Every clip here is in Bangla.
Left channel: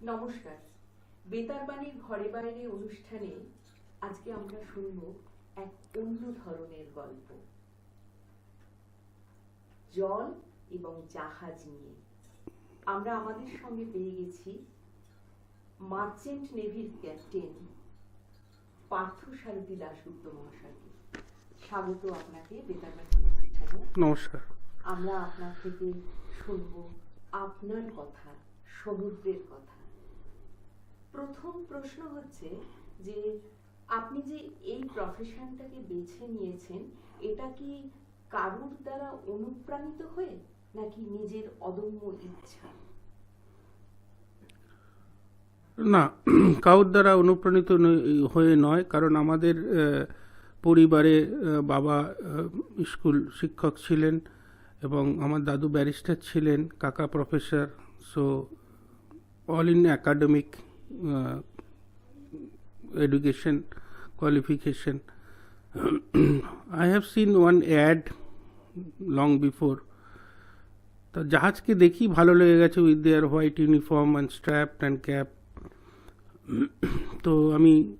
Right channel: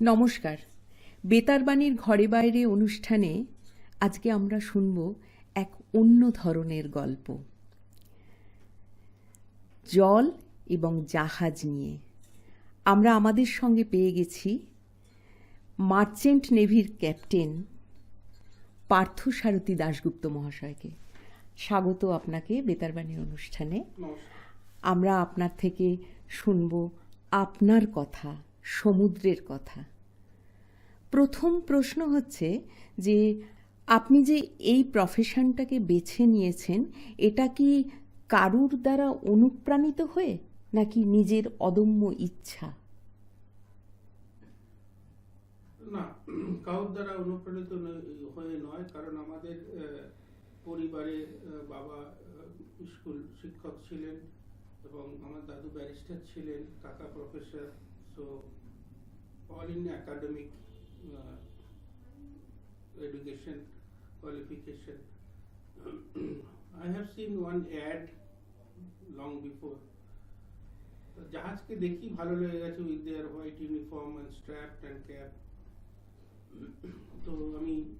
নমস্কার। বেতারবাণীর ঘরে বাইরে অনুষ্ঠানে আজকে আমরা শুনব এক অন্য ধরনের গল্প, জল এবং জাহাজ নিয়ে। আমরা আমাদের সঙ্গে পেয়ে গেছি মার্চেন্ট নেভির ক্যাপ্টেন পার্থসারথী দাশগুপ্ত মহাশয়কে। স্বাগত আপনাকে বেতারবাণী অনুষ্ঠানে। নমস্কার। আমরা আপনার থেকে শুনব আপনার কথা, সমুদ্রের কথা। প্রথম প্রশ্ন হচ্ছে যে আপনি যে এই প্রফেশনটাকে বেছে নিয়েছেন, এটা কি কারুর দ্বারা অনুপ্রাণিত হয়ে নাকি নিজের অদম্য ইচ্ছা? না, কারোর দ্বারা অনুপ্রাণিত হয়ে নয়, কারণ আমাদের পরিবারে বাবা স্কুল শিক্ষক ছিলেন এবং আমার দাদু ব্যারিস্টার ছিলেন, কাকা professor. So all in academic education qualification. I have seen one ad long before. তো জাহাজকে দেখি ভালো লেগে গেছে, with their white uniform and strap and cap. তো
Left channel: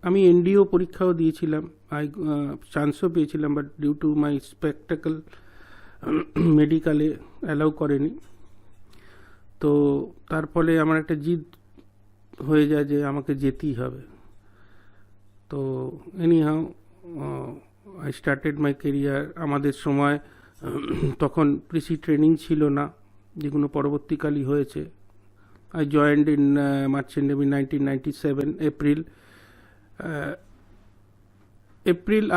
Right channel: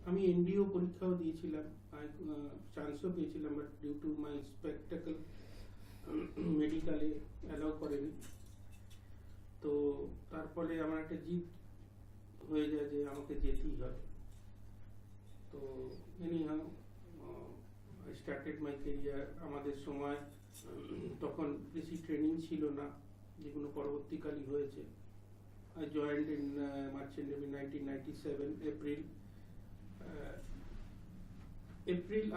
আমি এনডিও পরীক্ষাও দিয়েছিলাম, চান্সও পেয়েছিলাম, but due to my spectacle মেডিকেলে অ্যালাউ করেনি। তো তার ফলে আমার একটা জিদ হয়ে যায় যে আমাকে যেতেই হবে। তো anyhow I started my career. আমাদের সময় তখন প্রিসি ট্রেনিং ছিল না, যেগুলো পরবর্তীকালই হয়েছে। I joined in Marchant Navy 1997 April.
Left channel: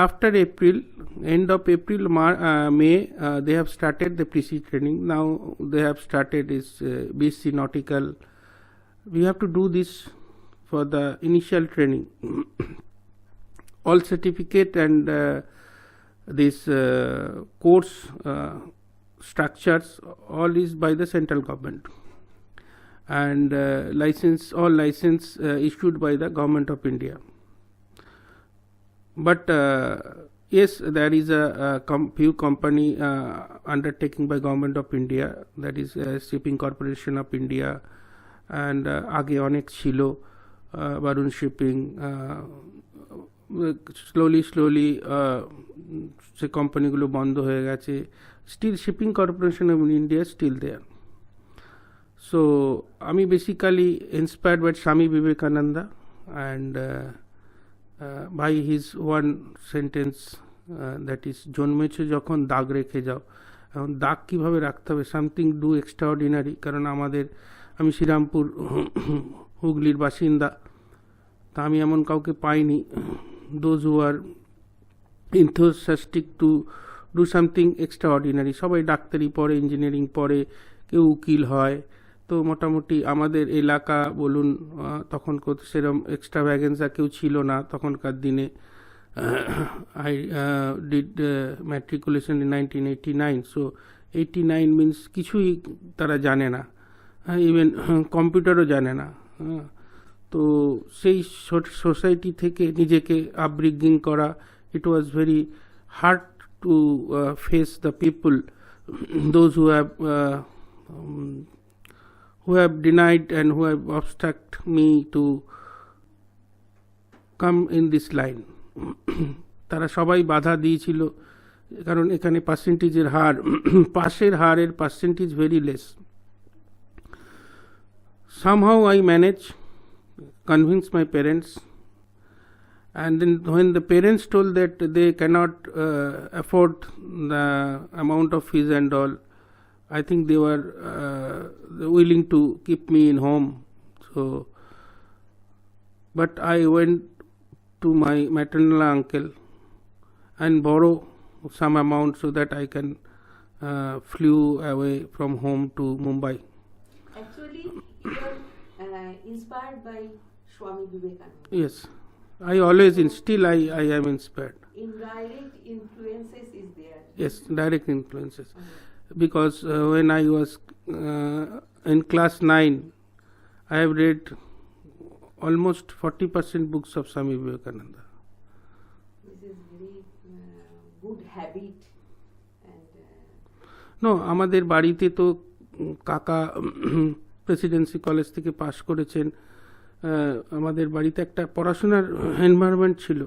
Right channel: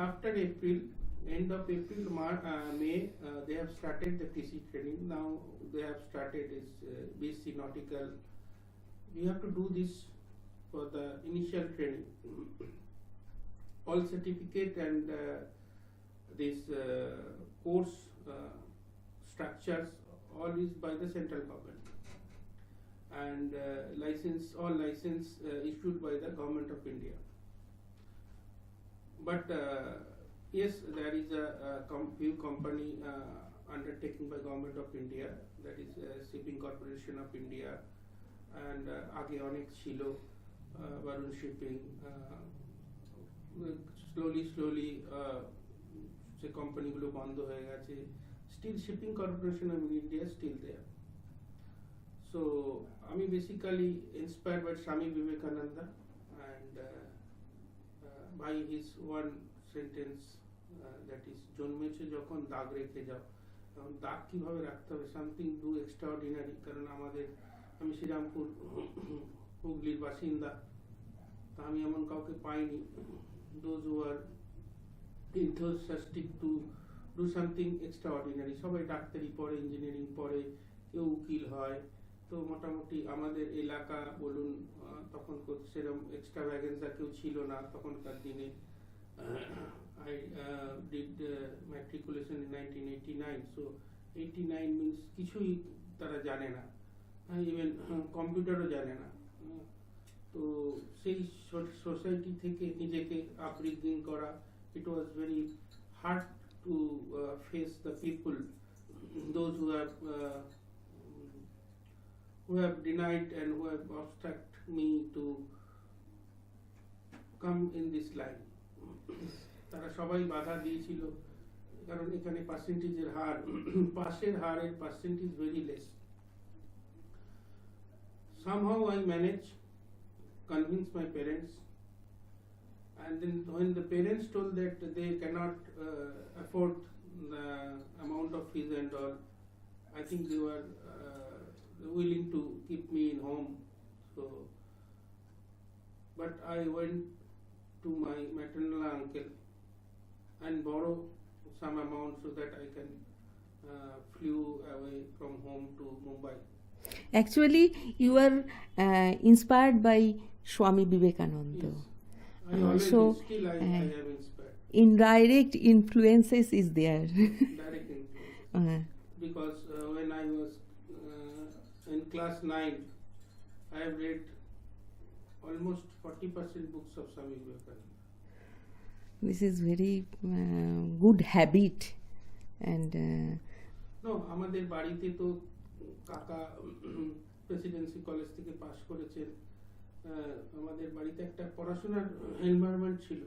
After April, end of April, May, they have started the pre-sea training. Now they have started is BSc Nautical. We have to do this for the initial training. All certificate and this course structures, all is by the central government. And all license issued by the government of India. But yes, there is a few company undertaking by government of India, that is Shipping Corporation of India, and আগে অনেক ছিল, বারুণ শিপিং। স্লোলি সে কোম্পানিগুলো বন্ধ হয়ে গেছে। Still Shipping Corporation of India still there. So আমি basically inspired by Swami Vivekananda and by his one sentence, that is জন্মেছে যখন দাগ রেখে যাও। এখন দাগ কীভাবে রাখতে হবে, সামথিং ডু এক্সট্রাঅর্ডিনারি। কারণ আমি শ্রীরামপুর হুগলির বাসিন্দা, তা আমি এমন কাউকে পাইনি those who are enthusiastic to do something extraordinary. সবাই ডাক্তারি পড়ে, ইঞ্জিনিয়ারিং পড়ে, কেউ উকিল হয়। তো মোটামুটি আমাদের এলাকা বলুন, তখন সেরকম এক্সট্রা ভ্যাগেন্সা কেউ ছিল না তখনকার দিনে। I did matriculation in 1989. So 89 means কিছুই তারা জানে না, ইভেন কম্পিউটারও জানে না। তো সেই সোসাইটি থেকে নিজেকে আপব্রিঙ্গিং করা, it was very hard to face the people, those who have denied and who have obstructed me to come in this line. তারা সবাই বাধা দিয়েছিল, কারণ এখানে পার্সেন্টেজের হার, পাশের হারের percentage very less. somehow I managed, convince my parents, and then when the parents told that they cannot afford the amount of fees and all, I think they were willing to keep me in home. So but I went to my maternal uncle and borrow some amount so that I can flew away from home to Mumbai. Actually you are inspired by Swami Vivekananda. Yes, I always So, still I am inspired. Indirect influences is there. Yes, direct influences. Because when I was in class 9, I have read almost 40% books of Swami Vivekananda. This is very good habit. And No, আমাদের বাড়িতে তো কাকা প্রেসিডেন্সি কলেজ থেকে পাশ করেছেন, আমাদের বাড়িতে একটা পড়াশোনার এনভায়রনমেন্ট ছিল।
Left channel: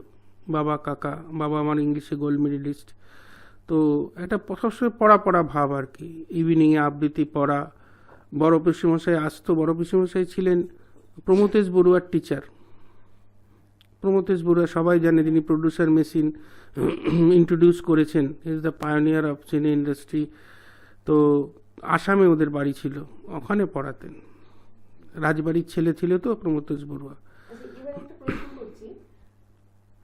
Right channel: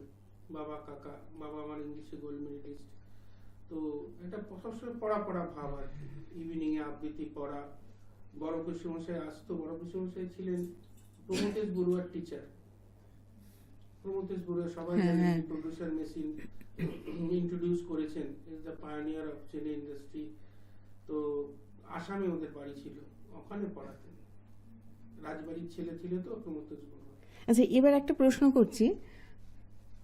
বাবা কাকা, বাবা আমার ইংলিশে গোল্ড মেডেলিস্ট, তো একটা সবসময় পড়া পড়া ভাব আর কি। ইভিনিংয়ে আবৃত্তি পড়া, বড় পিসেমশাই আসতো। বড় পিসেমশাই ছিলেন প্রমথেশ বড়ুয়ার টিচার। প্রমথেশ বড়ুয়া সবাই জানে, যিনি প্রডিউসার মেশিন ইন্ট্রোডিউস করেছেন, ইজ দ্য পায়োনিয়ার অফ সিনে ইন্ডাস্ট্রি। তো আসামে ওদের বাড়ি ছিল, ওখানে পড়াতেন। রাজবাড়ির ছেলে ছিল তো প্রমথেশ বড়ুয়া। আচ্ছা, এবার একটা প্রশ্ন করছি,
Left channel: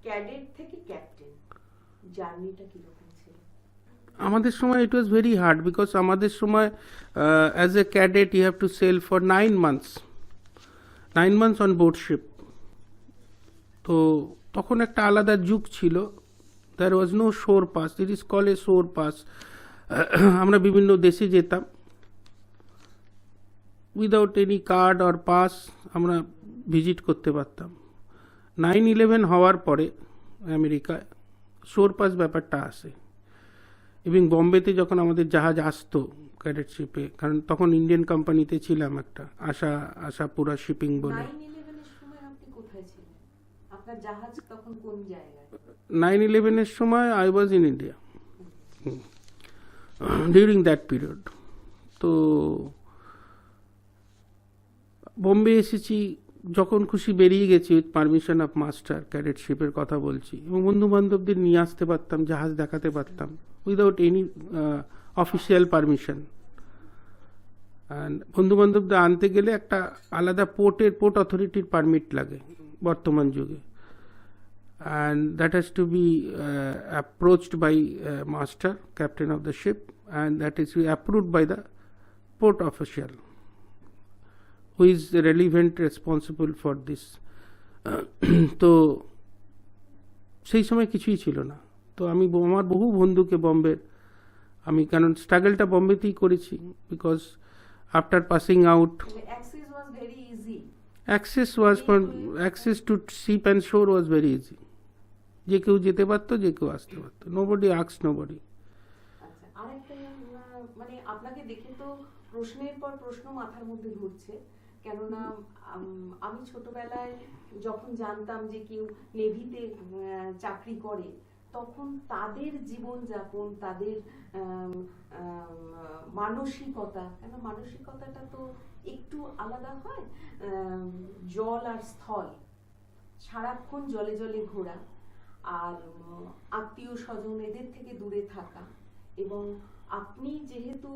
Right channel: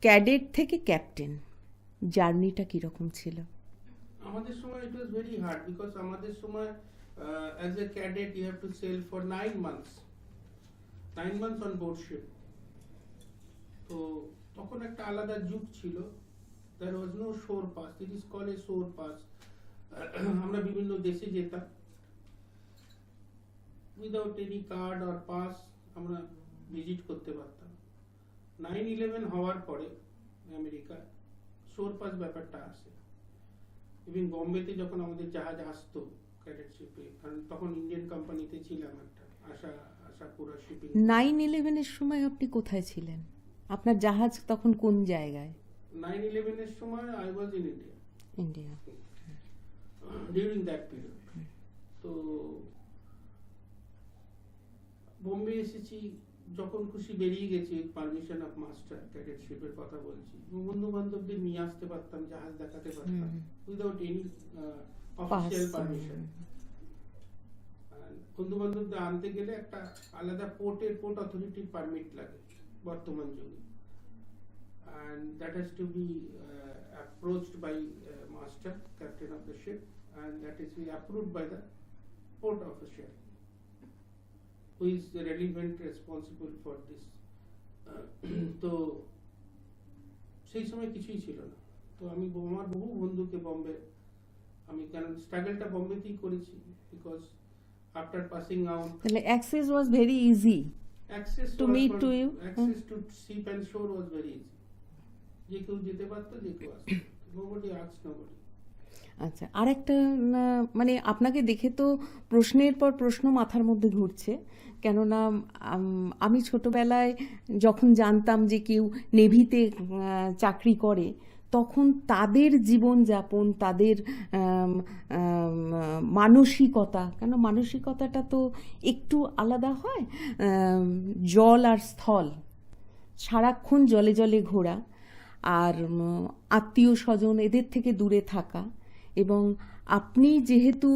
ক্যাডেট থেকে ক্যাপ্টেন জার্নিটা কীরকম ছিল? আমাদের সময় it was very hard, because আমাদের সময় as a cadet you have to sail for 9 months on board ship. তো তখন একটা আলাদা যুগ ছিল। There was no shore pass, it is call a shore pass. আমরা বিভিন্ন দেশে যেতাম without any card or pass, আমরা ভিজিট করতে পারতাম। 9/11 হওয়ার পরে আমেরিকায় শোর পাস ব্যাপারটা আসে। এবং বম্বেতে যখন আমাদের জাহাজ আসতো ক্যাডেটশিপে, কারণ তখন ইন্ডিয়ান কোম্পানিতে ছিলাম একটা, আশাপুরা শিপিং। 9/11-এর সময় আপনি কোথায় ছিলেন? আপনার জাহাজ তখন কোন জায়গায়? 9/11-এর সময় I was in India India. During that period. তো বোম্বে এসেছি, যখন খুশি বেরিয়ে গেছি উইথ পারমিশন অফ মাস্টার, ক্যাডেটশিপের কথা বলছি, এবং বন্ধু বান্ধবদের নিয়ে আসতে পারতাম, জাহাজ দেখাতে পারতাম without any official permission. And বন্ধু বান্ধবদের আনতে গেলে একটা আলাদা পোর্ট অথরিটির পারমিট লাগে বর্তমান যুগে, and that has to be approached by master, captain of the ship, and that is approved by the port official, who is relevant responsible for this. তো সেই সময় কিছুই ছিল না। তো আমি আমার বহু বন্ধুকে বম্বে, আমি কারণ স্ট্রাগলটা বম্বেতেই করেছি, বিকজ আফটার পাসিং আউট তাহলে access was very easy. Access to ship and শোর ওয়াজ ভেরি ইজি। যে কেউ যেতে পারতো, যে কেউ আসতে পারতো, নোবডি আস্কস নোবডি। আচ্ছা, আরেকটা মানে আপনাকে দেখে তো প্রশ্নের পর প্রশ্ন মাথার মধ্যে ঘুরছে, কেননা আমি ছোটবেলায় যখন জানতাম যে কেউ নেভিতে চাকরি করে, তখন তাদের জীবনযাপন, তাদের মানসিকতা, কেন মানসিকতাটা তো একটু আলাদা হয়। জল আর স্থল, সারাক্ষণ জলে জলে ঘোরা, আর আত্মীয় স্বজন এদের থেকে দূরে থাকা, এবং আপনি যেহেতু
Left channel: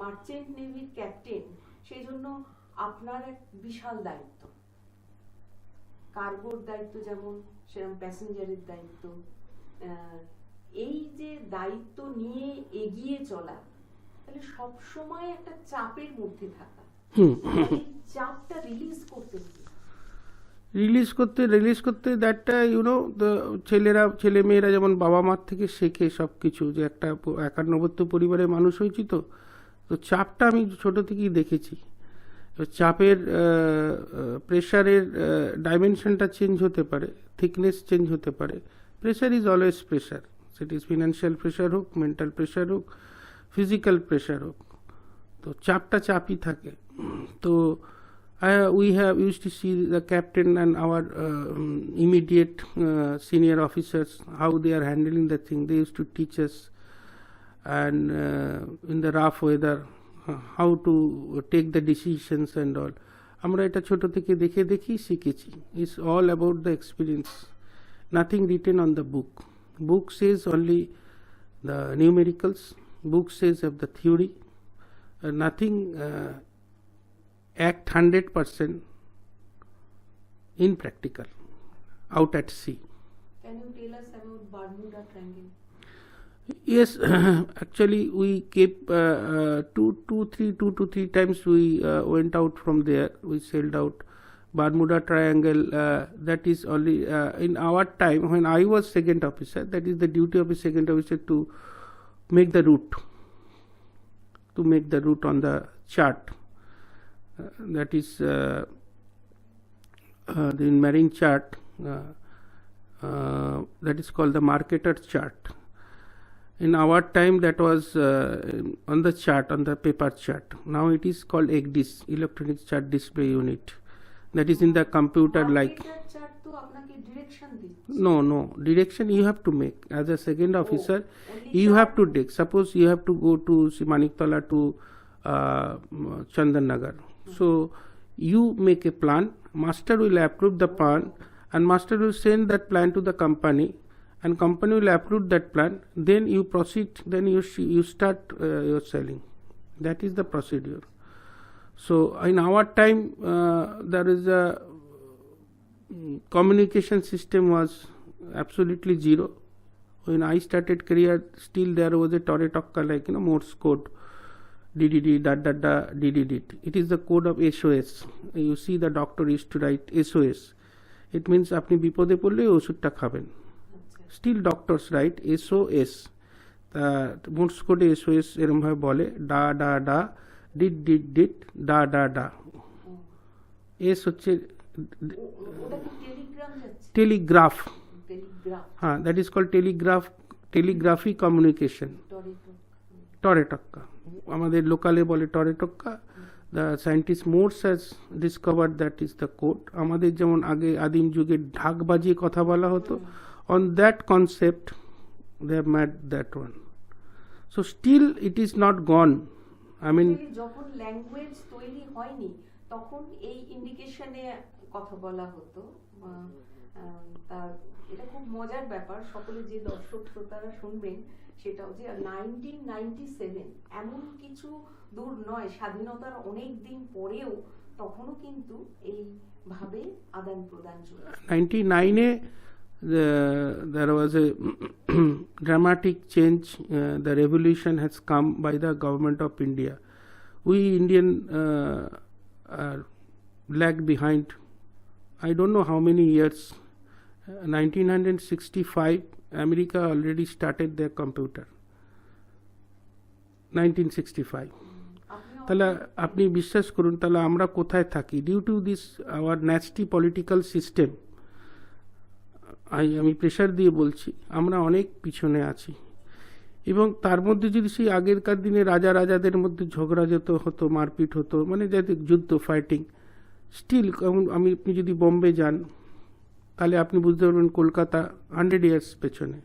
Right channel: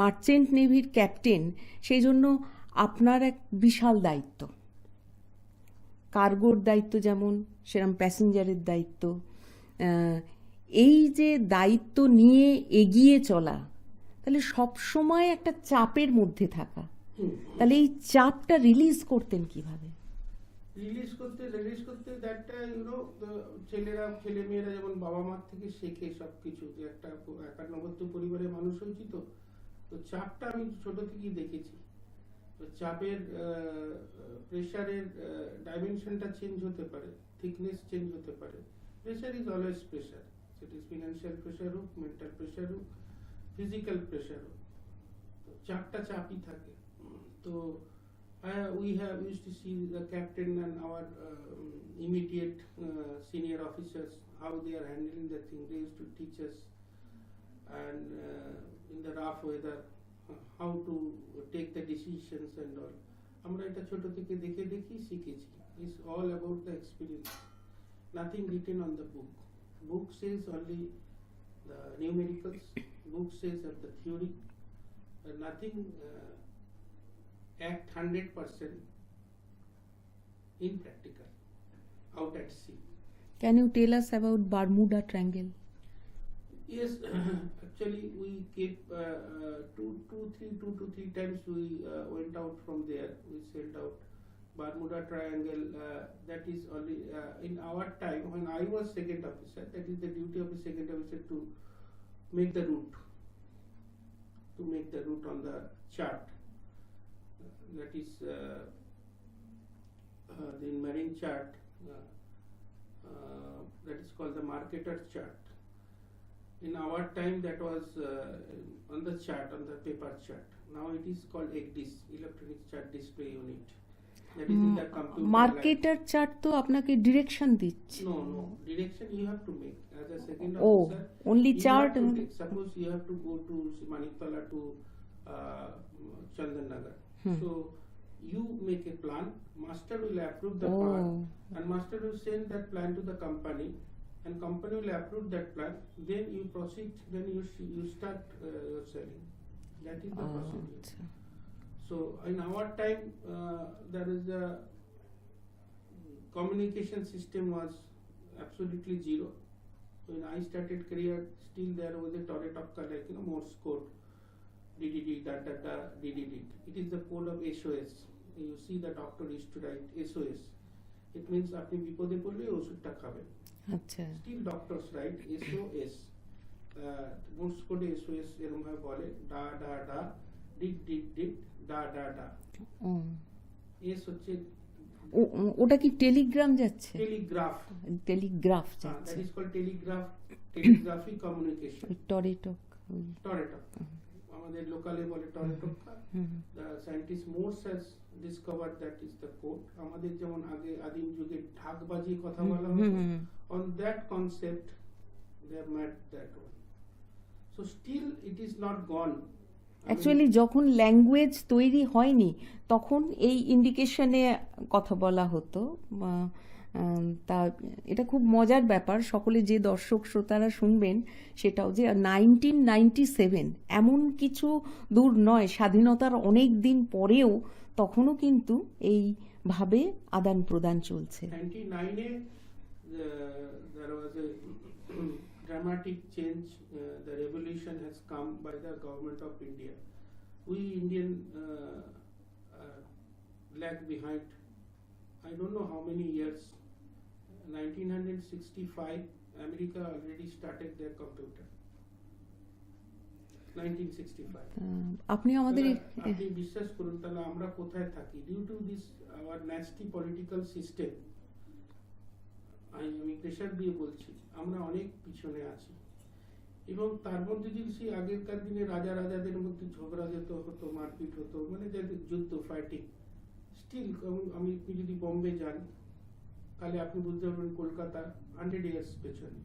মার্চেন্ট নেভির ক্যাপ্টেন, সেই জন্য আপনার এক বিশাল দায়িত্ব, কার্গোর দায়িত্ব যেমন, সেরকম প্যাসেঞ্জারের দায়িত্ব। এই যে দায়িত্ব নিয়ে এগিয়ে চলা, তাহলে সব সময় একটা চাপের মধ্যে থাকা, তাহলে এই চাপটা রিলিজ করতেন কিভাবে? রিলিজ করতে দ্যাটটা ইউনো, ছেলে মেয়েরা যেমন বাবা মার থেকে শেখে সব কিছু, যে একটা 51 পরিবারে মানুষ হয়েছি, তো চাপটা আমি ছোট থেকেই দেখেছি। চাপের প্রেশারের ডাইমেনশনটা চেঞ্জ হতে পারে, থিকনেস চেঞ্জ হতে পারে। Pressure is always pressure, set is financial pressure হোক, মেন্টাল প্রেশার হোক, ফিজিক্যাল প্রেশার হোক, তো চাপটা চাপই থাকে। তো we have used to see the captain and our immediate senior officers, how they are handling the thing. They used to teach us, and in the rough weather, how to take the decisions and all. আমরা এটা ছোট থেকে দেখেই শিখেছি। It's all about the experience. Nothing written on the book. Book says only the numericals. Book says of the theory. Nothing act 100% in practical out at sea. Can you tell us about Bermuda Triangle? Yes, actually we kept 2 to 3 times we went out from there. We sailed out Bermuda Triangle. That is only in our time when I was second officer. That is the duty of a second officer to make the route, on the chart. That is the marine chart, that is called the marketer chart. In our time that was on the chart, on the paper chart. Now it is called ECDIS, electronic chart display unit. that is in the computer like. Marketer chart তো আপনাকে ডিরেকশন দিচ্ছে। No, direction you have to make as a second officer. only You have chart to and- take. Suppose you have to go to Maniktola to Chandan Nagar. So you make a plan. Master will approve the plan, and master will send that plan to the company, and company will approve that plan. Then you proceed. Then you start your selling. That is the procedure. So in our time, there is a communication system was absolutely zero. When I started career, still there was a Toretokka, like Morse code, DDD, DDD. It is the code of SOS. You see, the doctor used to write SOS. It means আপনি বিপদে পড়লে ওষুধটা খাবেন। আচ্ছা, Still doctors write SOS. Morse কোডে SOS এরকম ভাবে বলে, ডা ডা ডা, ডিড ডা ডা ডা। এস হচ্ছে ওটা কি টেলিগ্রাম যাচ্ছে? টেলিগ্রাফ। টেলিগ্রাফ, হ্যাঁ, that is called telegraphy communication. টরেটক্কা আমাদের লোকালে বলে টরেটক্কা। The scientist Morse has discovered that is the code. আমাদের যেমন আগে আদিম যুগে ঢাক বাজিয়ে কথা বলা হতো, on that concept they have made that one. So still it is not gone. Actually যখন ল্যাঙ্গুয়েজ তৈরি হয়নি তখন এই ইন্ডিকেশনে কথা বলা হতো। তা এটা খুব মজার ব্যাপার, সকলে যে দর্শক শ্রোতারা শুনবেন সেটাও যে 1997 এমন কিছু দূর নয়, স্বাধীনতার অনেক দিন পরেও তখনও কিন্তু এইভাবে আদান প্রদান চলছে। 99 there was a dramatic change. The revolution has come by the government of India. We Indian are lag behind. I don't know how many years. 1965, America already started their computer. 1965. তাহলে আপনি বিশ্বাস করুন, তাহলে আমরা কোথায় থাকি? Due to this our nasty political system, আমি প্রেশার দিয়ে বলছি, আমরা অনেক পিছনে আছি। এবং তার মধ্যে যদি সেই আগেরকার দিনে রাজাদের মধ্যে ঝগড়া হতো, মারপিট হতো, মানে যাতে যুদ্ধ, ফাইটিং, স্টিল আপনি যদি বোম্বে যান তাহলে আপনি বুঝতে পারবেন কলকাতা 100 ইয়ার্স পেছনে।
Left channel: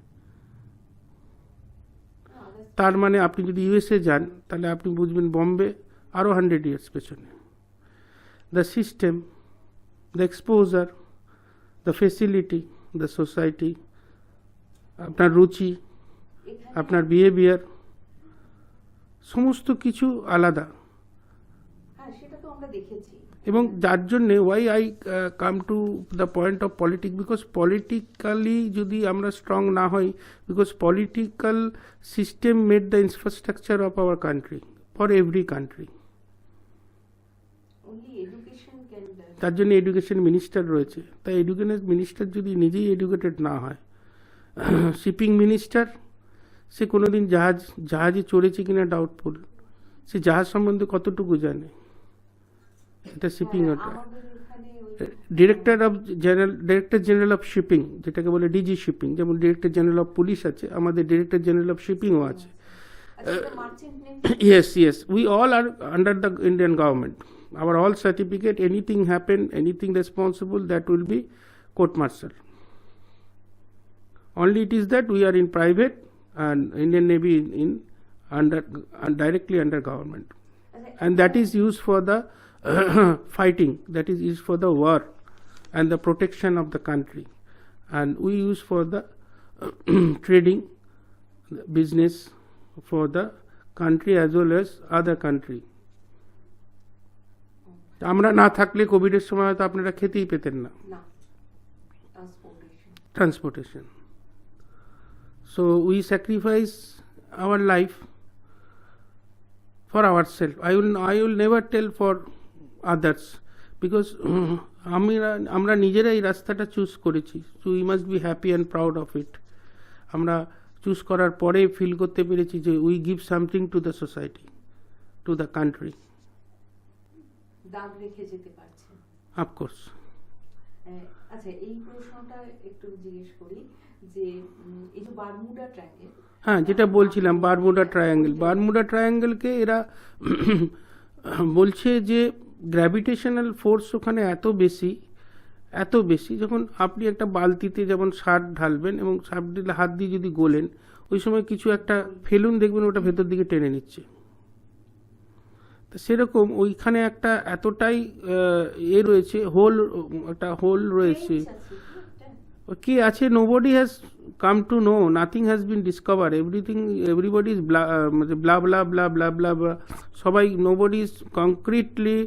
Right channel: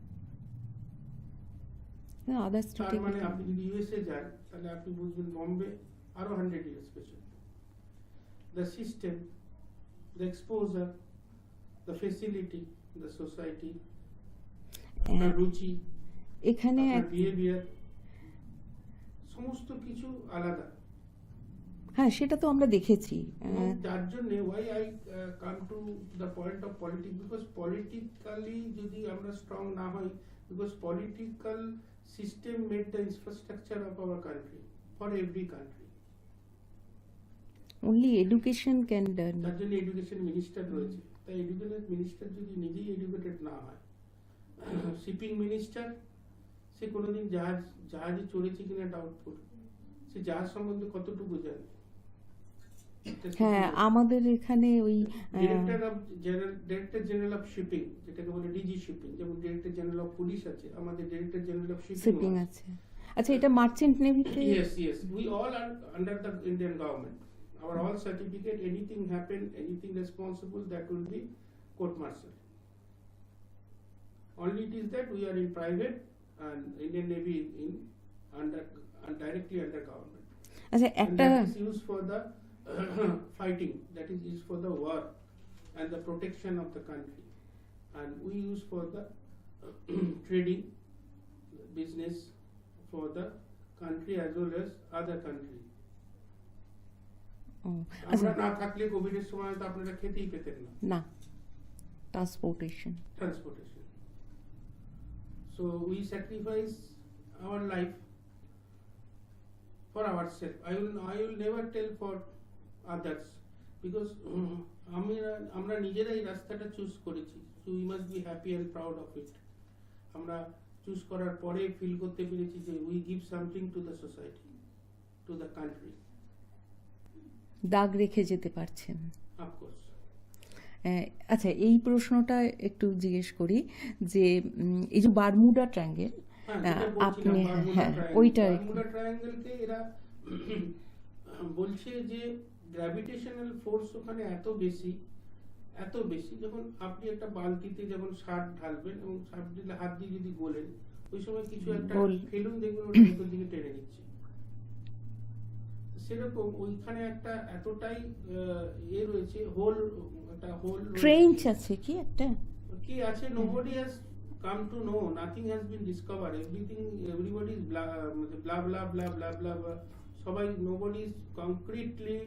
তার মানে আপনি যদি ইউএসএ যান তাহলে আপনি বুঝবেন বোম্বে আরও 100 ইয়ার্স পেছনে। The system, the exposure, the facility, the society, আপনার রুচি, আপনার বিহেভিয়ার, সমস্ত কিছু আলাদা। হ্যাঁ, সেটা তো আমরা দেখেছি। এবং যার জন্যে why I come to the point of politics, because politically যদি আমরা স্ট্রং না হই, because political system made the infrastructure of our country for every country. Only education can done. তার জন্য এডুকেশন মিনিস্টার রয়েছে। তাই এডুকেশন মিনিস্টার যদি নিজেই এডুকেটেড না হয়, শিপিং মিনিস্টার সে কোনোদিন জাহাজে চড়েছে কিনা ডাউটফুল, সে জাহাজ সম্বন্ধে কতটুকু জানে, এটা শিপিং। আমাদের এখানে ওই ডিরেক্টর জেনারেল অফ শিপিং, যেটাকে বলে ডিজি শিপিং, যেমন ডিরেক্টর জেনারেল অফ পুলিশ আছে, আমাদের ডিরেক্টর জেনারেল অফ শিপিংও আছে। আচ্ছা, এটা merchant navy. Yes, we all are under the Indian government. Our all certificate, anything happen, anything responsible, that will be court martial. Only it is that we are in private and Indian Navy in directly under government. And that is used for the fighting, that is used for the war and the protection of the country. And we use for the trading, business for the country as well as other country. আমরা না থাকলে কোভিডের সময় হয়তো আপনারা খেতেই পেতেন না। Transportation. So we sacrifice our life for our self. I will never tell for others, because আমরা নিজেরাই রাস্তাটা চুজ করেছি। So we must be happy and proud of it. আমরা চুজ করার পরে ফিল করতে পেরেছি যে we give something to the society, to the country. দাগ রেখে যেতে পারছেন। অফকোর্স। আচ্ছা, এই প্রশ্নটা একটু জিজ্ঞেস করি যে এই যে বারমুডা ট্রায়াঙ্গেল, হ্যাঁ যেটা বলছিলাম বারমুডা ট্রায়াঙ্গেল, বারমুডা ট্রায়াঙ্গেলকে এরা বলছে যে গ্র্যাভিটেশনাল ফোর্স ওখানে এত বেশি যখন আপনি একটা বালতিতে যেমন সার ঢালবেন এবং সার দিলে হাত দিয়ে যদি গোলেন, ওই সময় কিছু একটা ফেলুন দেখবেন ওটা ভেতর দিকে টেনে নিচ্ছে। তো সেরকম ওইখানে একটা এতটাই রয়েছে, একটা হোল রয়েছে। ট্রেঞ্চ আছে কি একটা? কি আছে, nobody has come to know, nothing has been discover, everybody is blah blah blah blah blah, সবাই nobody is concretely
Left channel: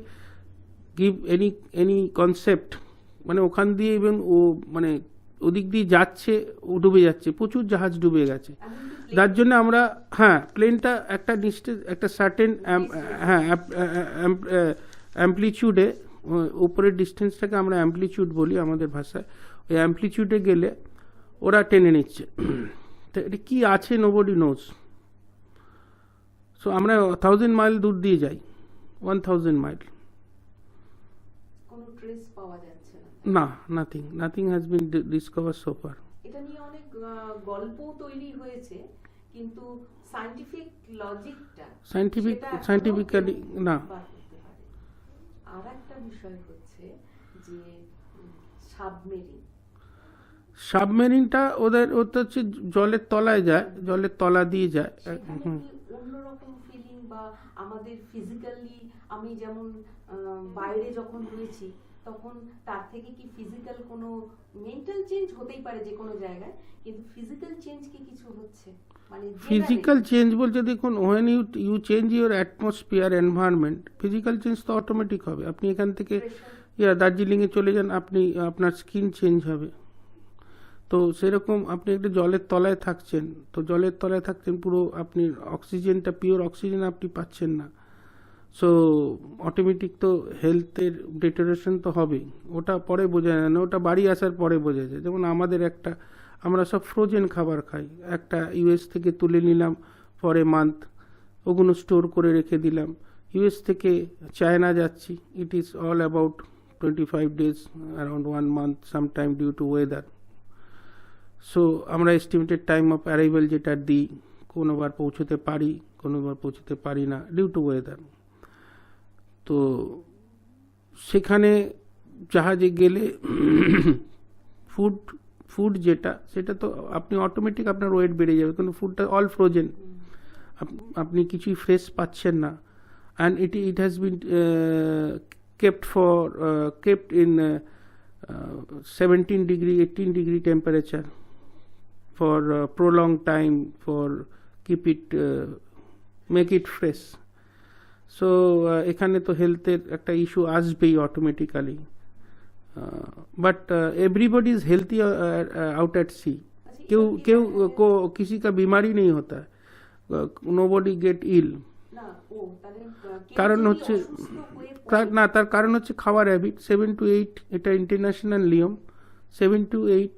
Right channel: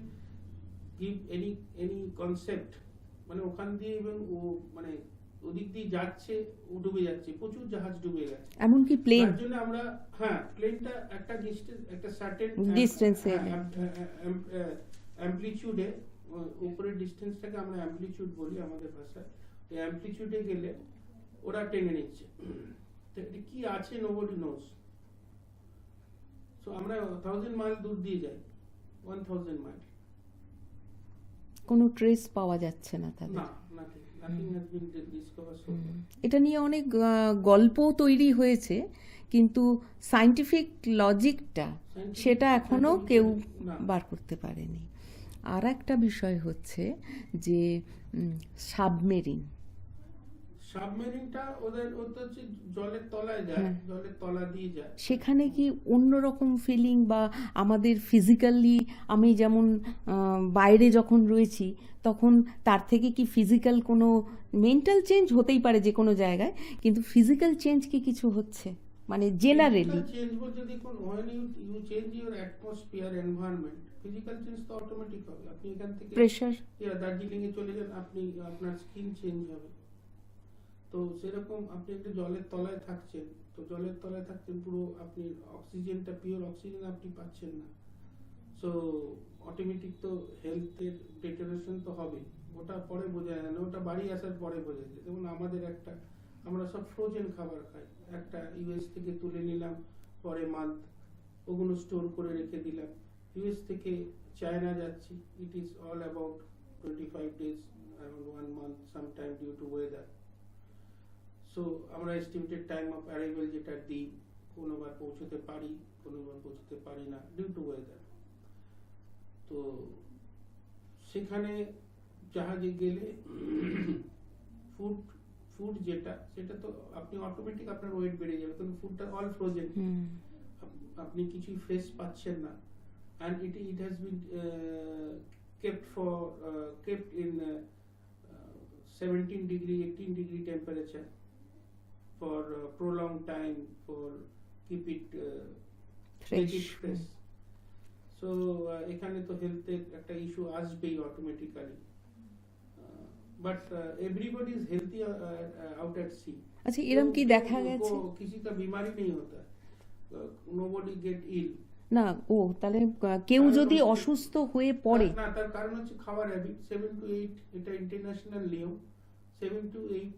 give any concept, মানে ওখান দিয়ে এবং ও মানে ওদিক দিয়ে যাচ্ছে, ও ডুবে যাচ্ছে, প্রচুর জাহাজ ডুবে গেছে। এমনকি প্লেন যার জন্য আমরা প্লেনটা একটা সার্টেন অ্যাম্পলিটিউডে, উপরের ডিস্টেন্সটাকে আমরা অ্যাম্পলিটিউড বলি আমাদের ভাষায়, ওই অ্যাম্পলিটিউডে গেলে ওরা টেনে নিচ্ছে। তো এটা কি আছে নোবডি নোজ। সো আমরা 1000 মাইল দূর দিয়ে যাই, 1000 মাইল, কোনো ট্রেস পাওয়া যাচ্ছে না তার। না, nothing has been discover so far. এটা নিয়ে অনেক গল্প তৈরি হয়েছে, কিন্তু সায়েন্টিফিক লজিকটা সেটা এখনো কেউ বার করতে পারেনি। আর একটা বিষয় হচ্ছে যে সাবমেরিনটা ওটা হচ্ছে জলের তলায় যায়, জলের তলা দিয়ে যায়। সেখানে কি অন্যরকম ফিলিং বা আমাদের ফিজিক্যালি, আমি যেমন বাইরে যখন রয়েছি তখন তার থেকে কি ফিজিক্যাল কোনো মেন্টাল চেঞ্জ হতেই পারে যে কোনো জায়গায়, কিন্তু ফিজিক্যাল চেঞ্জ কি কিছু হচ্ছে? মানে ফিজিক্যাল চেঞ্জ বলতে দেখুন, when you change your atmosphere environment, physical change তো অটোমেটিক হবে। আপনি এখান থেকে দার্জিলিংয়ে চলে যান, আপনার স্কিন চেঞ্জ হবে। তো সেরকম আপনি একটা জলের তলায় থাকছেন, পুরো আপনি অক্সিজেনটা, পিওর অক্সিজেন আপনি পাচ্ছেন না। সো অটোমেটিক তো হেলথের ডিটেরিওরেশন তো হবেই। ওটা পরে বোঝা যায় না, ওটা বাড়ি আসার পরে বোঝা যায়। যেমন আমরা সব ফ্রোজেন খাবার খাই, একটা ইউএস থেকে তুলে নিলাম পরে মান্থ, ওগুলো স্টোর করে রেখে দিলাম। ইউএস থেকে চায়না যাচ্ছি, it is all about 25 days, around 1 month sometime due to weather. So আমরা এস্টিমেটেড টাইম অফ অ্যারাইভাল যেটা দিই, কোনোবার পৌঁছতে পারি, কোনোবার পৌঁছতে পারি না ডিউ টু ওয়েদার। তো সেখানে জাহাজে গেলে ফুড সেটা তো আপনি অটোমেটিক আপনার ওয়েট বেড়ে যাবে, কিন্তু ফুডটা অল ফ্রোজেন, আপনি কিছুই ফ্রেশ পাচ্ছেন না। And it has been kept in 17 degree 18 degree temperature for prolonged time, for keep it make it fresh. So এখানে তো হেলথের একটা ইস্যু আসবেই automatically, but everybody is healthy out at sea. किसी का बीमारी नहीं होता है, nobody get ill না। তাহলে কেউ যদি অসুস্থ হয়ে পড়ে না, তার কারণ হচ্ছে খাওয়ার হ্যাবিট। 7 to 8 এটা ইন্টারন্যাশনাল নিয়ম, 7 to 8,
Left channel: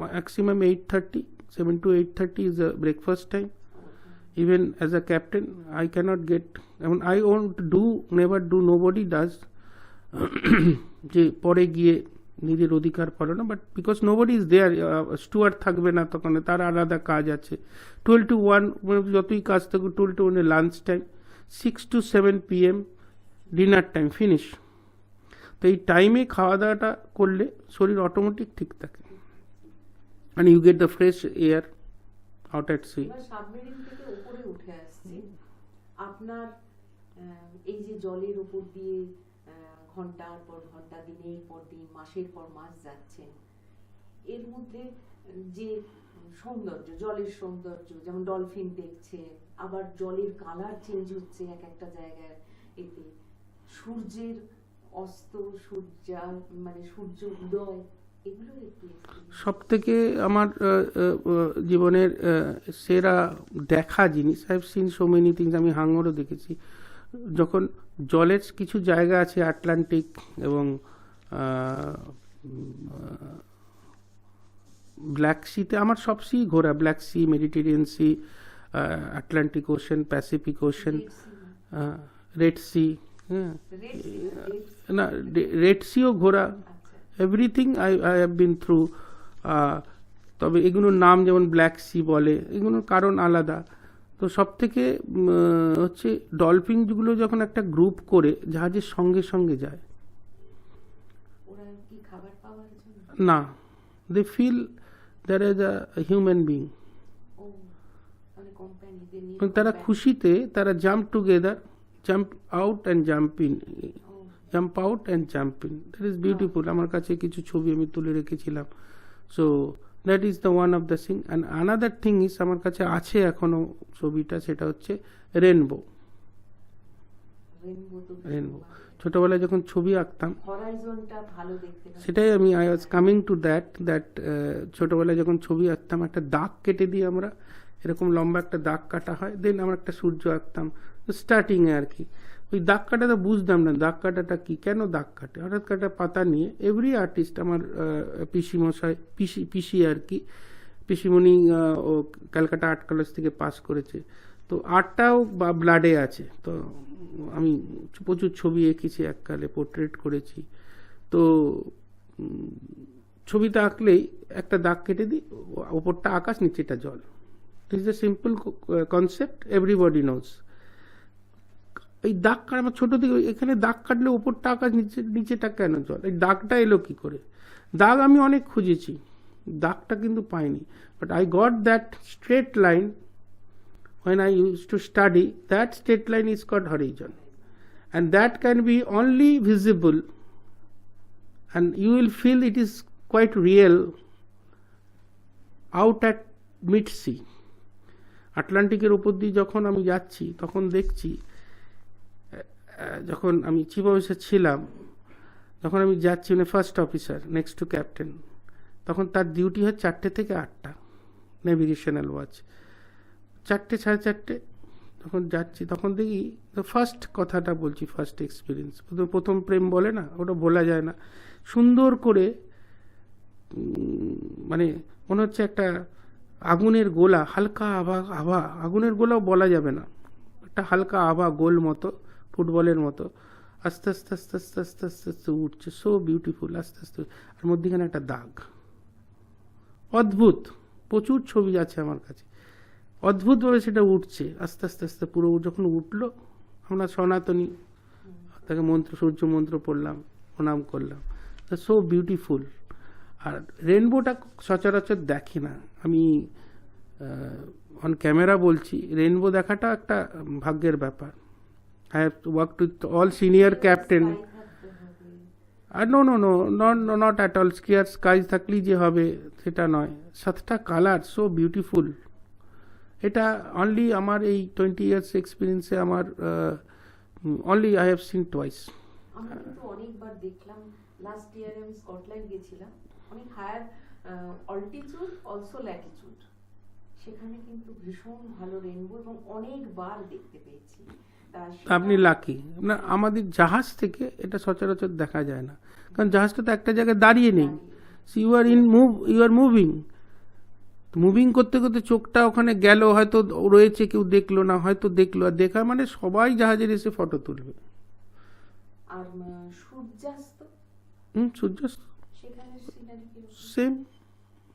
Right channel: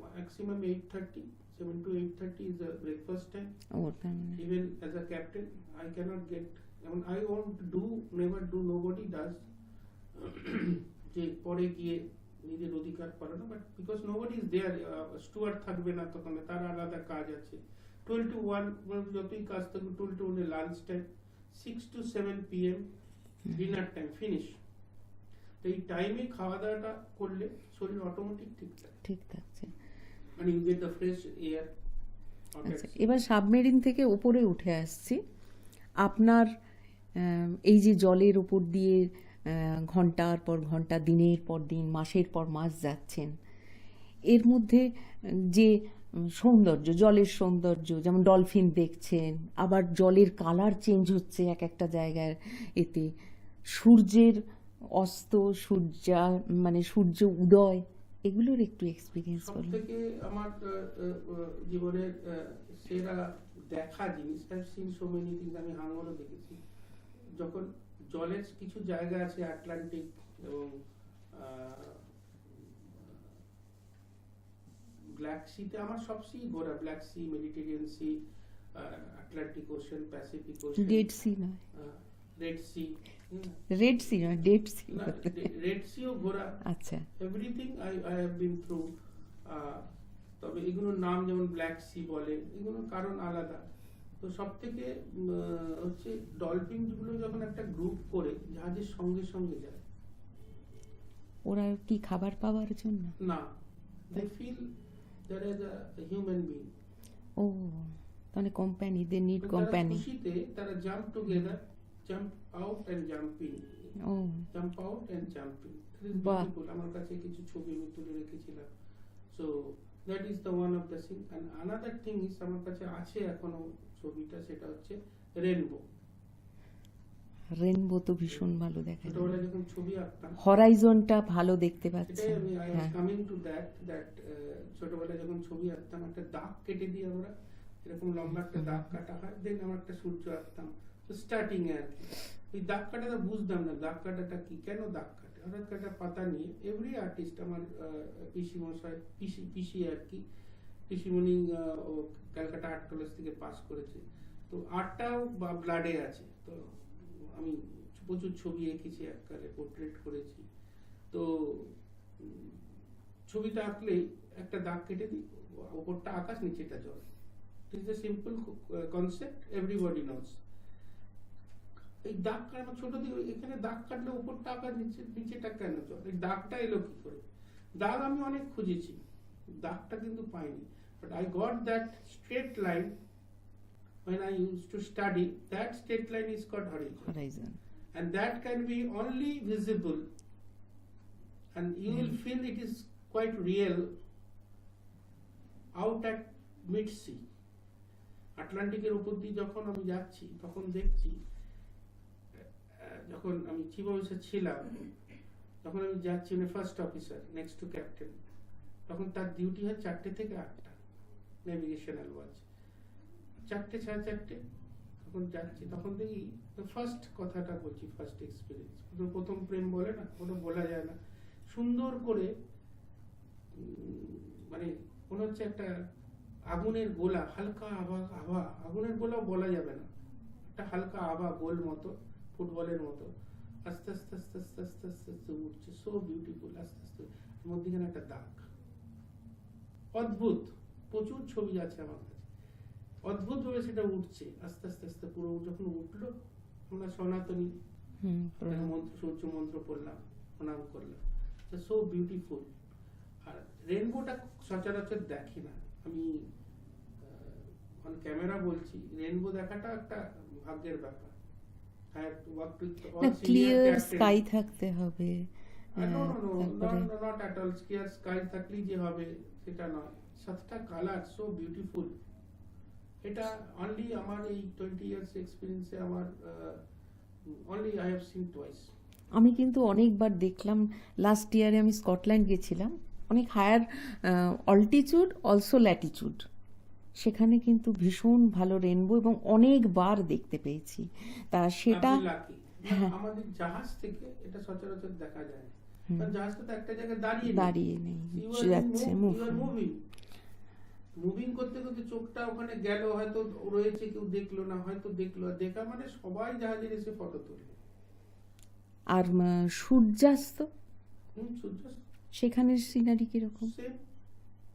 maximum 8:30, 7 to 8:30 is a breakfast time. Even as a captain I cannot get, I mean I won't do, never do, nobody does যে পরে গিয়ে নিজের অধিকার পালো না, but because nobody is there, steward থাকবে না তখন, তার আলাদা কাজ আছে। 12 to 1 যতই কাজ থাকুক, 12 to 1 lunch time, 6 to 7 PM dinner time, finish. তো এই টাইমে খাওয়া দাওয়াটা করলে শরীর অটোমেটিক ঠিক থাকে, মানে you get the fresh air out at sea. এবার সাবমেরিন থেকে উপরে উঠে আসছি, আপনার এই যে জলের উপর দিয়ে ঘন্টার পর ঘন্টা, দিনের পর দিন, মাসের পর মাস যাচ্ছেন, এর মধ্যে যে সৌন্দর্য, জলের সৌন্দর্য, যেমন ডলফিন দেখছেন, আবার জলের কালার চেঞ্জ হচ্ছে এক একটা জায়গায়, এতে সূর্যের অস্ত, সূর্য উদয়, এগুলোর একটু এক্সপিরিয়েন্স। সব থেকে আমার জীবনের সেরা দেখা জিনিস, I have scene so many things, আমি হাঙ্গরও দেখেছি, যখন জলের কিছু জায়গা আছে আটলান্টিক এবং ব্ল্যাক সিতে, আমার সব সি ঘোরা, Black Sea, Mediterranean Sea, Atlantic Ocean, Pacific Ocean, Red Sea, না রেড সিও ঘোরা, everything I have been through. তবে এগুলোর নাম যেমন ব্ল্যাক সি বলে, এগুলোর কারণ আলাদা। তো সব থেকে হচ্ছে ডলফিনগুলো যখন একটা গ্রুপ করে জাহাজের সঙ্গে সঙ্গে যায়, ওরা কি খাবার পাওয়ার জন্য? না, they feel there is a human being. ও, মানে কোম্পানি, দে নিড তারা কোম্পানি। খুশিতে তারা jump together, jump out and jump in, ও, jump out and jump in. That is beautiful. আমার কাছে কিছু ছবি আমি তুলে রেখেছিলাম। So that is the one of the thing. And another thing is, আমার কাছে আছে এখনো ছবিটা, সেটা হচ্ছে রেনবো। রেনবো তো ভীষণ ভালো দেখে। ছোটবেলায় যখন ছবি আঁকতাম, হরাইজনটা ভালো দেখতে পাচ্ছি। সেটাই আমি আই ওয়াজ হ্যাঁ। কামিং টু দ্যাট ছোটবেলায় যখন ছবি আঁকতাম, একটা দাগ কেটে দিই আমরা, এরকম লম্বা একটা দাগ কাটা হয়, দেন আমরা একটা সূর্য আঁকতাম স্টার্টিংয়ে আর কি। ওই দাগ কাটাটা বুঝতাম না, দাগ কাটাটা কি, কেন দাগ কাটে। হঠাৎ কাটা পাতা নিয়ে এভরি আর্টিস্ট, আমার পিসিমশাই, পিসি আর কি, পিসিমণি, ও ক্যালকাটা আর্ট কলেজ থেকে পাস করেছে, তো আর্টটাও বা ব্লাডে আছে। তো আমি প্রচুর ছবি এঁকেছি এককালে, পোর্ট্রেট করেছি। তো ছবিটা আঁকলেই একটা দাগ কেটে দিই, ওপরটা আকাশ, নিচেটা জল। It is a simple concept, everybody knows. এই দাগ কাটা আমার ছোটো দিকে, এখানে দাগ কাটলে ওপরটা আকাশ, নিচেটা কেন জল, এই দাগটা এলো কি করে? দাগ আমি অনেক খুঁজেছি, দাগটা কিন্তু পাইনি। But I got that straight line when I used to study. That straight line is called horizon. Horizon. And that can be only visible, and you will feel it is quite real out at mid sea. আটলান্টিকের উপর দিয়ে যখন আমি যাচ্ছি, তখন দেখছি, যখন আমি চিফ অফিসার ছিলাম, যখন আমি যাচ্ছি, মানে first officer next to captain, তখন তার ডিউটি হয় 4টে থেকে 8টা, নেভিগেশনাল ওয়াচ। 4টে, 4:30 তখন যাচ্ছি, তখন দেখি, ফার্স্ট কথাটা বলছি, ফার্স্ট এক্সপিরিয়েন্স, প্রথম প্রেম বলে না, ওটা বলা যায় না, সুন্দর করে মানে মনে হচ্ছে একটা আগুনের গোলা, হালকা আভা, আগুনের গোলাও বলা যাবে না, একটা হালকা আভা, গোল মতো, ফুটবলের মতো, আস্তে আস্তে আস্তে আস্তে আস্তে আস্তে আস্তে উঠছে, সো বিউটিফুল, আস্তে আস্তে, আর মধ্যেখানে একটা দাগ, অদ্ভুত। প্রচুর ছবি আছে আমার কাছে, অদ্ভুতভাবে সেটা উঠছে, আস্তে আস্তে আস্তে পুরো, যখন উঠলো, আমরা সনাতনী, তাকে মন্ত্র, সূর্য মন্ত্র পড়লাম, প্রণাম করলাম, সো বিউটিফুল। আর রেনবোটা সচরাচর দেখি না আমি, অন ক্যামেরা বলছি, রেনবো দেখাটা একটা ভাগ্যের ব্যাপার। I have worked with all senior captain. Sky থাকতে হবে। আর no, not at all clear sky থাকলেই যে হবে সেটা নয়, 7টা কালার, সো বিউটিফুল। এটা অনলি আমার এই 20 years এক্সপিরিয়েন্সে আমার only I have seen twice. আমি কিন্তু অনেকবার দেখলাম, লাস্ট ইয়ারে আমি স্কটল্যান্ড গেছিলাম, অনেক হায়ার অল্টিটিউড, অলসো ল্যাটিটিউড, সেখানে কিন্তু ভীষণ ভালো রেনবো, এবং অনেকবার দেখতে পেয়েছি। তা সেটা আপনি লাকি না, আমাদের জাহাজ থেকে এটা সচরাচর দেখা যায় না, কারণ জাহাজটা তো একটা জায়গায় দাঁড়িয়ে নেই, you are in move, you are moving, moving করতে করতে চোখটা ওখানে গেল, হয়তো রয়েছে, কেউ দেখলো না, হয়তো দেখলো, আর দেখা মানে সবাই জাহাজের এসে ফটো তুলবে। আর সূর্যাস্ত, সূর্যাস্ত সেখানের সিনারি কিরকম? সেম,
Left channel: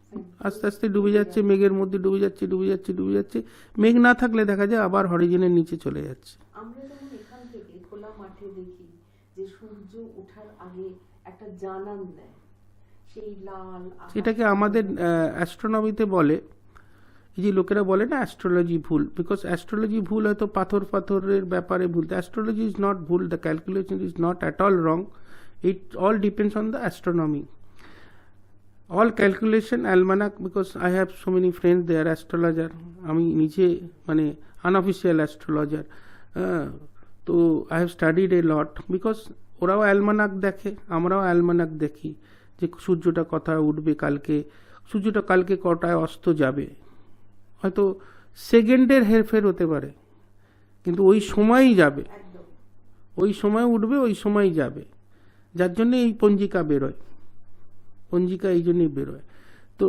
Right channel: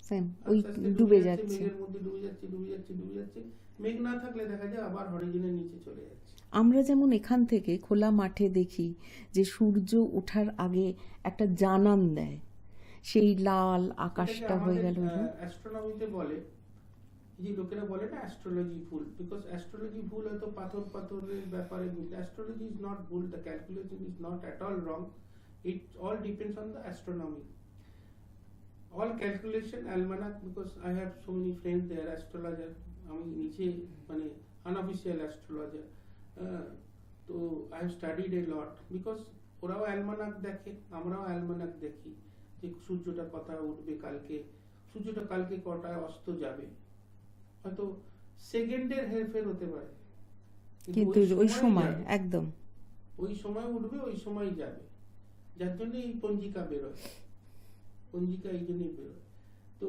সেম, আস্তে আস্তে ডুবে যাচ্ছে, মেঘের মধ্যে ডুবে যাচ্ছে, ডুবে যাচ্ছে, ডুবে যাচ্ছে, মেঘ না থাকলে দেখা যায় আবার হরিজনের নিচে চলে যাচ্ছে। আমরা যেমন এখান থেকে খোলা মাঠে দেখি যে সূর্য ওঠার আগে একটা জানান দেয়, সেই লাল আকাশ। এটাকে আমাদের অ্যাস্ট্রোনমিতে বলে, এই যে লোকেরা বলে না অ্যাস্ট্রোলজি ভুল, বিকজ অ্যাস্ট্রোলজি ভুল হয়তো পাথরের ব্যাপারে ভুল, অ্যাস্ট্রোলজি ইজ নট ভুল, the calculation is not at all wrong, it all depends on the astronomy. all calculation almanac, because I have so many friends, they are astrologer, আমি নিজে মানে unofficial astrologer, তো I have studied a lot, because ওরাও অ্যালমানাক দেখে, আমরাও অ্যালমানাক দেখি, যে সূর্যটা কোথায় উঠবে কালকে, সূর্যটা কালকে কটায় অস্ত যাবে, হয়তো সেকেন্ডের হেরফের হতে পারে, কিন্তু ওই সময়ই যাবে, একদম ওই সময় উঠবে, ওই সময়ই যাবে, যার জন্য এই পঞ্জিকা বেরোয়, পঞ্জিকা এই জন্যই বেরোয়। তো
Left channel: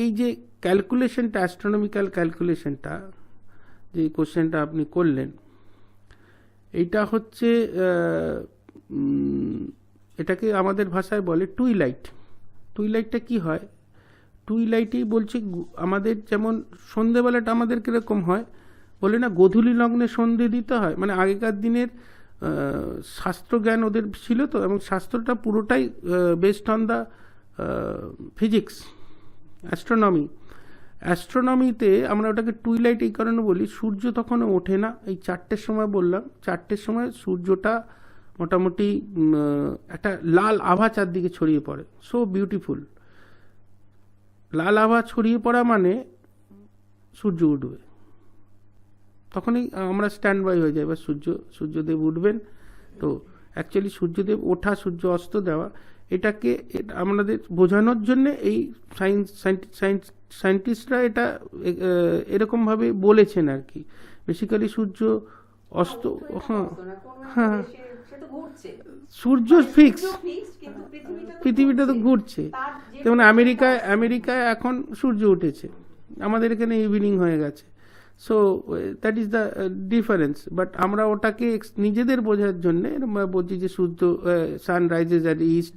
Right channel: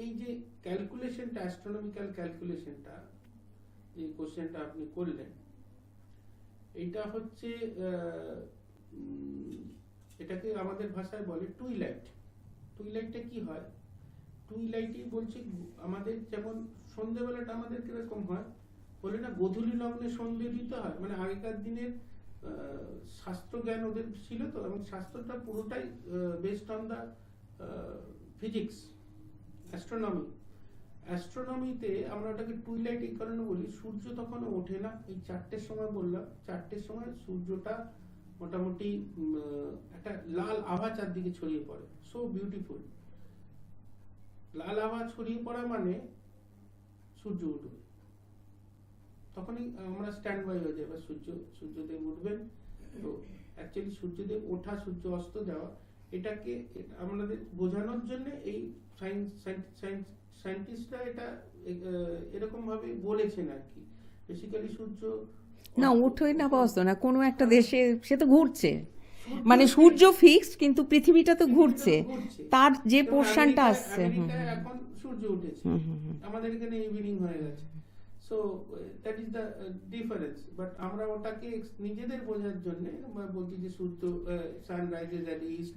এই যে ক্যালকুলেশনটা, অ্যাস্ট্রোনমিক্যাল ক্যালকুলেশনটা, যে কোশ্চেনটা আপনি করলেন, এইটা হচ্ছে এটাকে আমাদের ভাষায় বলে টুইলাইট। টুইলাইটটা কি হয়? টুইলাইটেই বলছে আমাদের যেমন সন্ধেবেলাটা আমাদের কীরকম হয়, বলে না গোধূলি লগ্নে সন্ধে দিতে হয়, মানে আগেকার দিনের শাস্ত্রজ্ঞান ওদের ছিল তো, এবং শাস্ত্রটা পুরোটাই বেসড অন দ্য ফিজিক্স, অ্যাস্ট্রোনমিতে আমরা ওটাকে টুইলাইট এই কারণে বলি, সূর্য তখন ওঠে না। এই 4টের সময় বললাম, 4টের সময় সূর্যটা মোটামুটি একটা লাল আভা চারদিকে ছড়িয়ে পড়ে, সো বিউটিফুল। লাল আভা ছড়িয়ে পড়া মানে সূর্য উঠবে, তখনই আমরা স্ট্যান্ড বাই হয়ে যাই, এবার সূর্যদেব উঠবেন। তো অ্যাকচুয়ালি সূর্যদেব ওঠা, সূর্য অস্ত দেওয়া, এটাকে আমাদের বোঝানোর জন্যে এই সায়েন্টিস্টরা এটা এরকমভাবে বলেছেন আর কি। বেসিক্যালি সূর্য অস্ত, না কোনো একটা দেশে সে তো ঘুরছে, সূর্য ফিক্সড, কিন্তু পৃথিবীটা তো ঘুরছে। তার যে যেমন আমেরিকায় এখন সূর্য উঠেছে, আমাদের এখানে ইভিনিং হয়ে গেছে। So that is the difference. But আমরা ওটাকে নিজেদের বোঝার জন্যে বলছি যে সূর্য sun rises at east,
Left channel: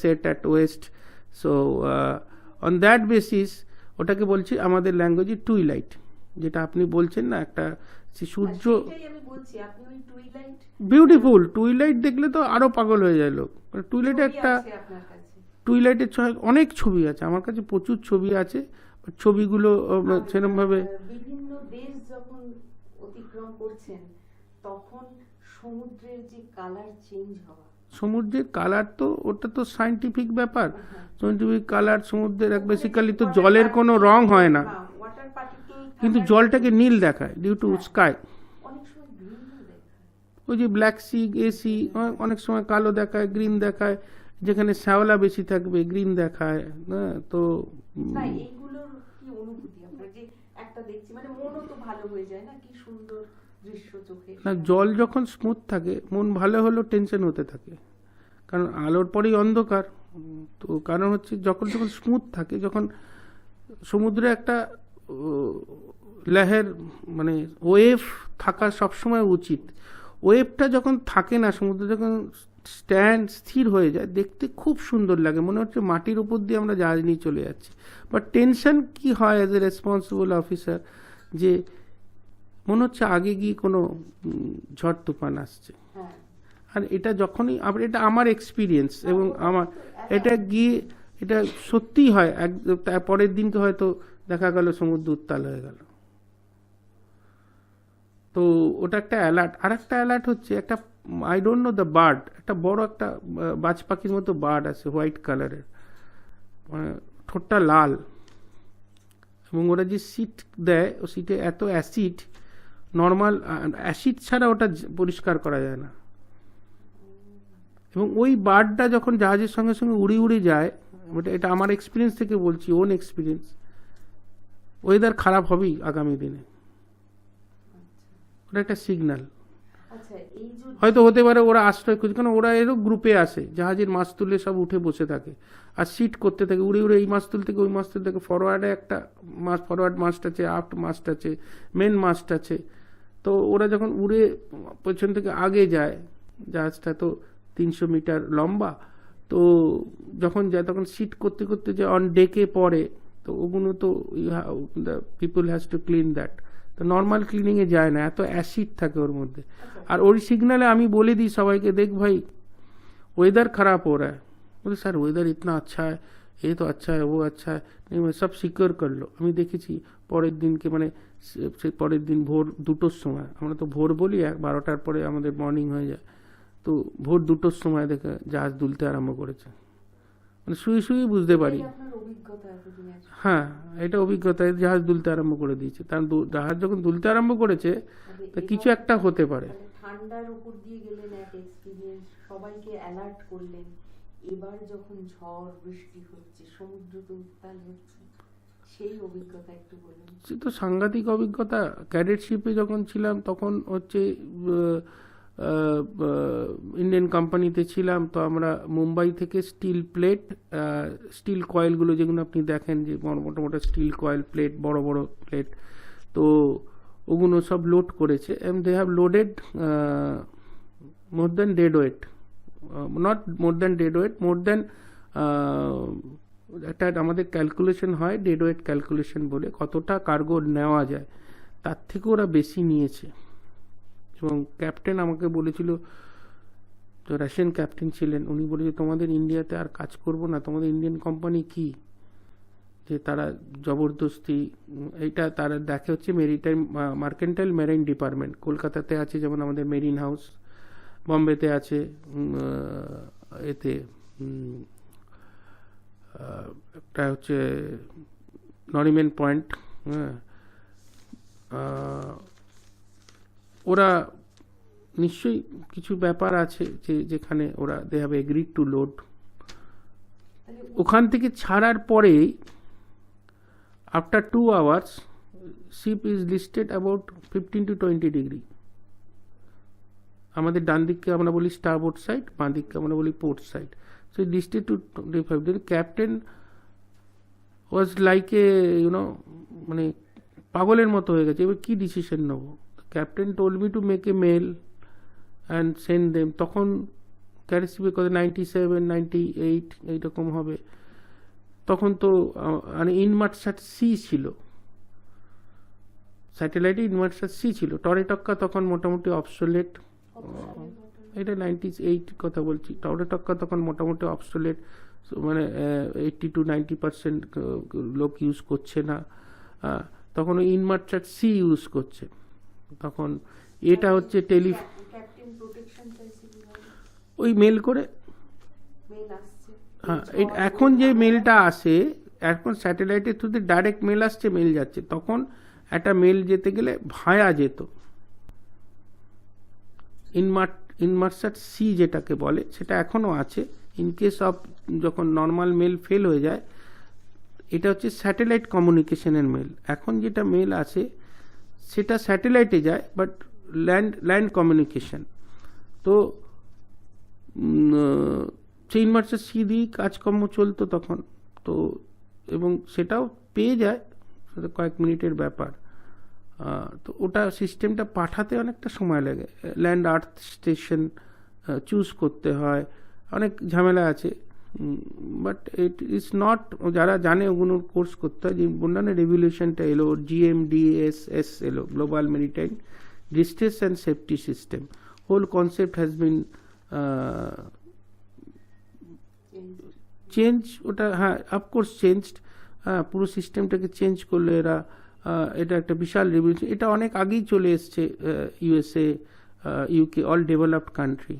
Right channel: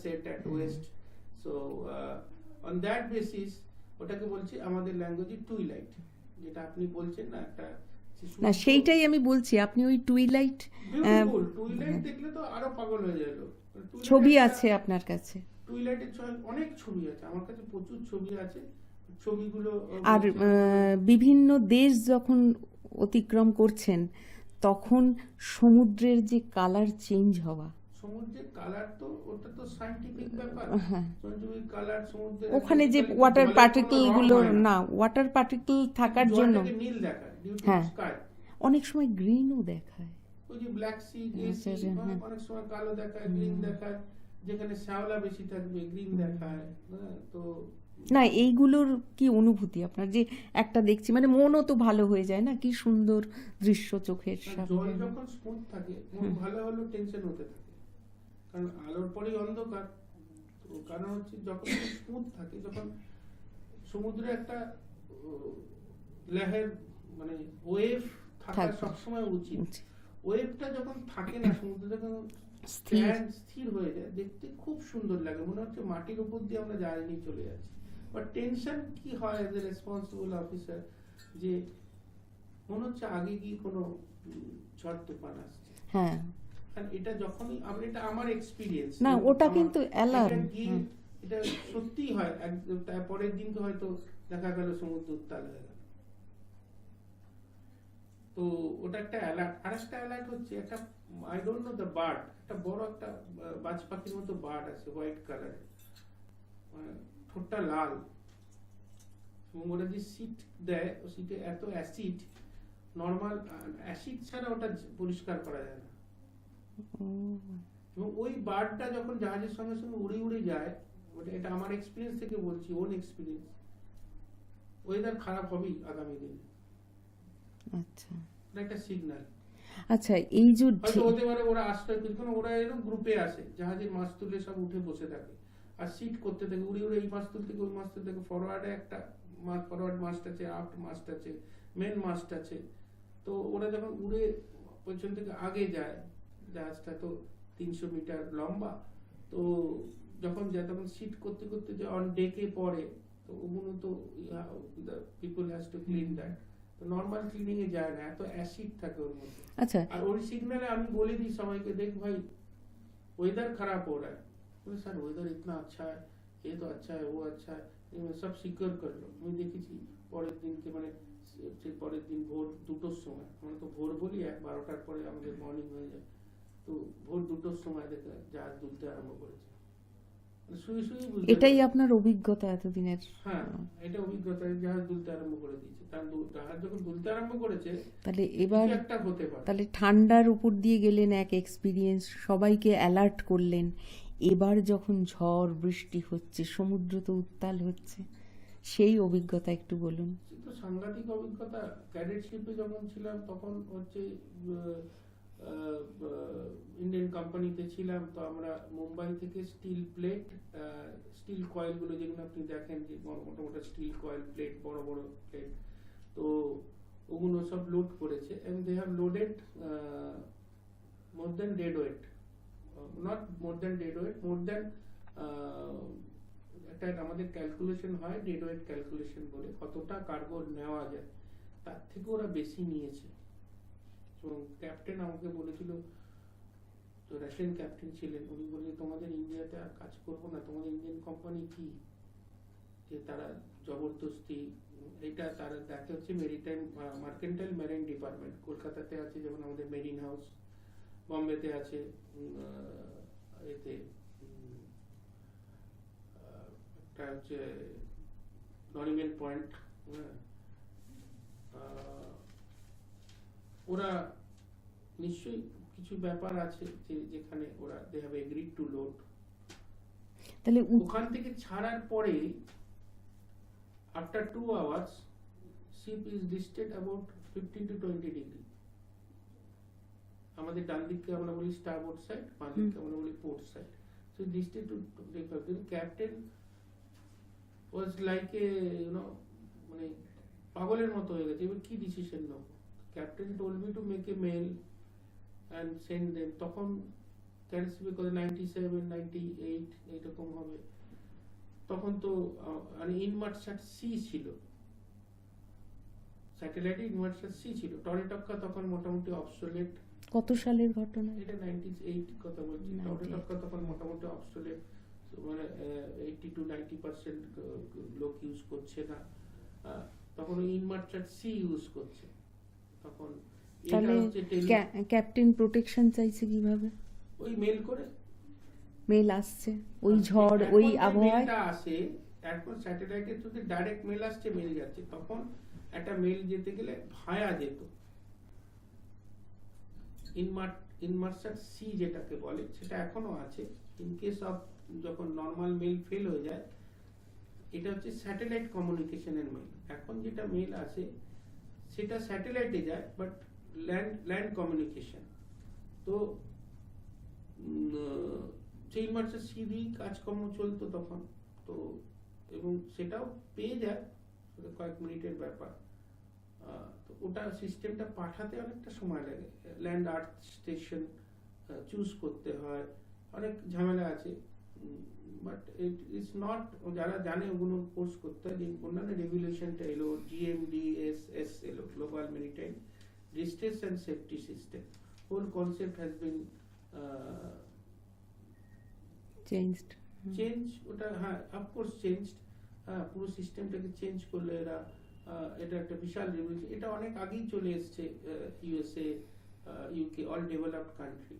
set at west. So on that basis ওটাকে বলছি আমাদের ল্যাঙ্গুয়েজে টুইলাইট, যেটা আপনি বলছেন না একটা সেইটাই আমি বলছি। আপনি ওই টুইলাইট, বিউটিফুল টুইলাইট দেখলে তো আরো পাগল হয়ে যায় লোক। টুইলাইট আছে আপনার কাছে? টুইলাইটের অনেক ছবি আছে আমার কাছে, প্রচুর ছবি আছে। ছবিগুলো সেরকমভাবে বিভিন্ন দেশ যখন অতিক্রম করছেন তখন সমুদ্রের যে কালার চেঞ্জ হওয়া, সমুদ্রের কালার তো ওটা তো সায়েন্টিফিক ব্যাপার। সায়েন্টিফিক কালার সমুদ্রের বেসিক্যালি তো জলের কোনো রং হয় না, ওয়াটার পার্টিকেল থাকে, জলটাকে নীল দেখায় ডিউ টু স্কাই। অনেক সময় গ্রিনও দেখায়, ওই যে ব্ল্যাক সি, এসি, অনেক সময় কালো দেখায়, গ্রিন দেখায়, যেখানে শ্যাওলা বেশি থাকবে গ্রিন দেখায়। তো না, এইগুলোর কি অনুভূতি আপনার? যে একটা দেখছি মানে মনও তো ভালো হয়ে যায় না, কি সুন্দর দৃশ্য চোখের। জল যখন স্মুথ থাকে মন ভালো হলেও টেনশন হতে থাকে, কারণ আলোর পরেই অন্ধকার। তো কারণ হচ্ছে যখন স্মুথ থাকে, যখন সমুদ্রে একটা লহের মানে ওয়েভ থাকা সবসময় উচিত। ওয়েভটা যখন থাকে না, সমুদ্রে যখন স্থির হয়ে যায়, দেখতে খুব সুন্দর লাগে, মনে হচ্ছে মাটির উপর দিয়ে আমরা জাহাজ নিয়ে চলে যাচ্ছি। বাট টেনশন কি হয় অ্যাজ এ রেসপন্সিবল অফিসার, যে মনে হচ্ছে আগে গিয়ে কোনো ঝড় তুফান আসছে। হ্যাঁ, আর এটা যখনই এটা আমার এক্সপিরিয়েন্স, এবং আমার এটা গিয়ে এটা সত্যিই হয়। পরের দিনকে হয়তো দেখা গেল সমুদ্র উত্তাল হয়ে গেল। তো ওটা একটা অ্যালার্ট। আর একটা অ্যালার্ট হচ্ছে একটা, I don't know the bird, একটা বড় একটা বাজ পাখির মতো বার্ড আছে, হোয়াইট কালারের, মানে ঠোঁটটা লাল, এবং ওরা যে সিট দেয়, ও সিটে এত অ্যাসিড, নর্মাল অ্যাসিড ছাড়া ওটা পরিষ্কার করা যায় না। এবং ওই বার্ডটা যখন জাহাজের সঙ্গে সঙ্গে উড়ে উড়ে যায়, এটা আমার এক্সপিরিয়েন্স থেকে বলছি, ওন এক্সপিরিয়েন্স, ওয়েদার খারাপ হবেই আগামী দিনে। আচ্ছা, ওটা একটা সিগন্যাল। আচ্ছা, এই যে হয়তো হতে পারে ওরা আশ্রয় খুঁজে, কারণ ওরা এরও গ্রুপে আসে, জাহাজের মাস্তুলে সব উঠে বসে থাকে আর সিট করতে থাকে, উড়ে উড়ে এই মাস্তুল থেকে ওই মাস্তুল থেকে। ফরওয়ার্ডে একটা ফরওয়ার্ড মাস্ট আছে, আফট মাস্ট আছে, মেন মাস্ট আছে। তো ওরা যখন উড়ে পেছন থেকে আগে যায়, জাহাজটা তো 300 মিটার লম্বা, তো যখন যায় তখন সিট করতে করতে যে অন ডেকে পড়ে, তো ওগুলো তো the people has to clean that. তো নর্মাল ক্লিনিং এ যায় না, এত অ্যাসিড থাকে ওর মধ্যে। আর ওই সিগনালে আমি বলে দিই সবাইকে, দেখ ভাই वेदर खराब हो रहा है, बोले सर वेदर इतना अच्छा है, ये तो अच्छा है, वो अच्छा है, नहीं मैं सब सिक्योर कर लो। আমি দেখেছি পরের দিনকে, মানে সে পরের দিন ভোর 2টোর সময়, আমরা তো ভোর বলি, 12টার পরে আমাদের মর্নিং হয়ে যায়, তো ভোর 2টোর সময় দেখে জাহাজ দুলতে আরম্ভ করেছে। মানে শুয়ে শুয়ে বুঝতে পারি। এটাই আপনার অভিজ্ঞতা এতদিনের? হ্যাঁ, এটা অভিজ্ঞতা, জাহাজ দুলতে আরম্ভ করে দিয়েছে। তার জাহাজ যখন দুলতে আরম্ভ করেছে, তাহলে কিছু একটা হতে পারে। তাহলে ঠান্ডার উপর দিয়ে গেলেন, এক এক্সপিরিয়েন্স, সবাইকে অ্যালার্ট করলেন। এবার যখন ঝড় বৃষ্টি হচ্ছে, সমুদ্র তো উত্তাল হচ্ছে, সেই অভিজ্ঞতা একটু বলুন। সে তো সাংঘাতিক অভিজ্ঞতা। ক্যাডেটশিপে যখন ছিলাম তখন হচ্ছে ইন্ডিয়ান কোম্পানিতে ছিলাম, তো আমরা মুম্বাই থেকে স্টিল প্লেট, স্টিল কয়েলগুলো যেগুলো আপনি দেখেন, যে মোটা মোটা স্টিল কয়েল প্লেট, বড় বড় প্লেট, তো ওগুলো সব লোড করেছে। And they have loaded more than dead weight, not more than dead weight, more than একটা আমাদের ক্যালকুলেশন হয়, ডেড ওয়েট ক্যালকুলেশন বলে, কতটা কার্গো নেওয়া যায়। তার থেকে ওরা বেশি নিয়েছে। এবং ক্যাপ্টেন আমাকে বলেছিল, তো রাশিয়ান ক্যাপ্টেন ছিলেন, উনি বলেছে তোমাদের ইন্ডিয়াতে আর কাজ করব না, তোমাদের ইন্ডিয়ান কোম্পানি কি, যে তারা জবরদস্তি এইটা তারা দেখে হচ্ছে মেরিটাইম মার্কেন্টাইল মেরাইন ডিপার্টমেন্ট কলকাতাতে আছে, যেমন আমাদের মেরিন হাউস, বম্বেতে আছে, এতে একটা হচ্ছে নরিম্যান পয়েন্ট। হ্যাঁ, ওরা নিশ্চয়ই কিছু ব্যাপার আছে যে যেখানে ওরা they have agreed to load. তাহলে ওখান থেকে ছাড়ার পরেই after 2 hours ship is listed about 15 to 20 degree. আমাদের ডান দিককে আমরা বলি স্টারবোর্ড সাইড, বাঁ দিককে আমরা বলি port side. So listed to 25 degree. Captain was like a মানে পাগলের মতো হয়ে গেছে, এবার কি ডিসিশন নেবো। Captain told me to make a mail and send them. তখন ক্যারিসিপে কত 97, 98 এইরকম হবে। তখন তো মানে ইনমার্সার সি ছিল, স্যাটেলাইটে ইনমার্সার সি ছিল। টরেটক্কা তখন মোটামুটি অবসোলেট। কত সালের ঘটনা? এটা 98 কথা বলছি। টরেটক্কা তখন মোটামুটি অবসোলেট, মানে 80 to 90% লোক ইউজ করছে না। তখন ইনমার্সার সি ইউজ করছে। তখন এটা হচ্ছে ক্যাপ্টেন প্রোটেকশন চাইছে কিভাবে? ওই মেল করে। মেল আসছে এখন যে মেলটা আসে, এখন স্যাটেলাইটের থ্রুতে ডাইরেক্ট মেল আসছে, মেল যাচ্ছে। তখন একটা মেল যেতে গেলে ভায়া যেত। ইনমার্সার সি যেটাকে বলে সেটা এখনো আছে। ইন কেস অফ যখন নর্মাল মেল ফেল হয়ে যায়, এটা হচ্ছে স্যাটেলাইট কমিউনিকেশনের মেল। এখন যেটা মেল আসে সেটা স্যাটেলাইটে যায়, বাট ল্যান্ড কমিউনিকেশন। তো সেই ইনমার্সার সি দিয়েই কাজকর্ম চলতো তখন। তো এবং সেটাও পেয়ে যায়, সেটা কয়েক মিনিটের ব্যাপার। তো ওটা সিস্টেমটা পাঠাতে অনেকটা সময় লাগে। ল্যান্ড আর্থ স্টেশন চুজ করতে হয়, অনেক ঝামেলা আছে। বাট ইট ইজ নট, যারা জানে ওগুলোর কোর্স করতে হয়। যে বললাম রেভলিউশনটা এলো, GMDSS এলো, global maritime distress and safety system. Whole concept has been change. ওটা হ্যাঁ অফকোর্স চেঞ্জড। হ্যাঁ, পুরো সিস্টেমটাকে চেঞ্জ করলো এরা। এটা একটা বিশাল রেভলিউশন। এটা অনেক আগেই চলে এসছে USA, UK, all developed country.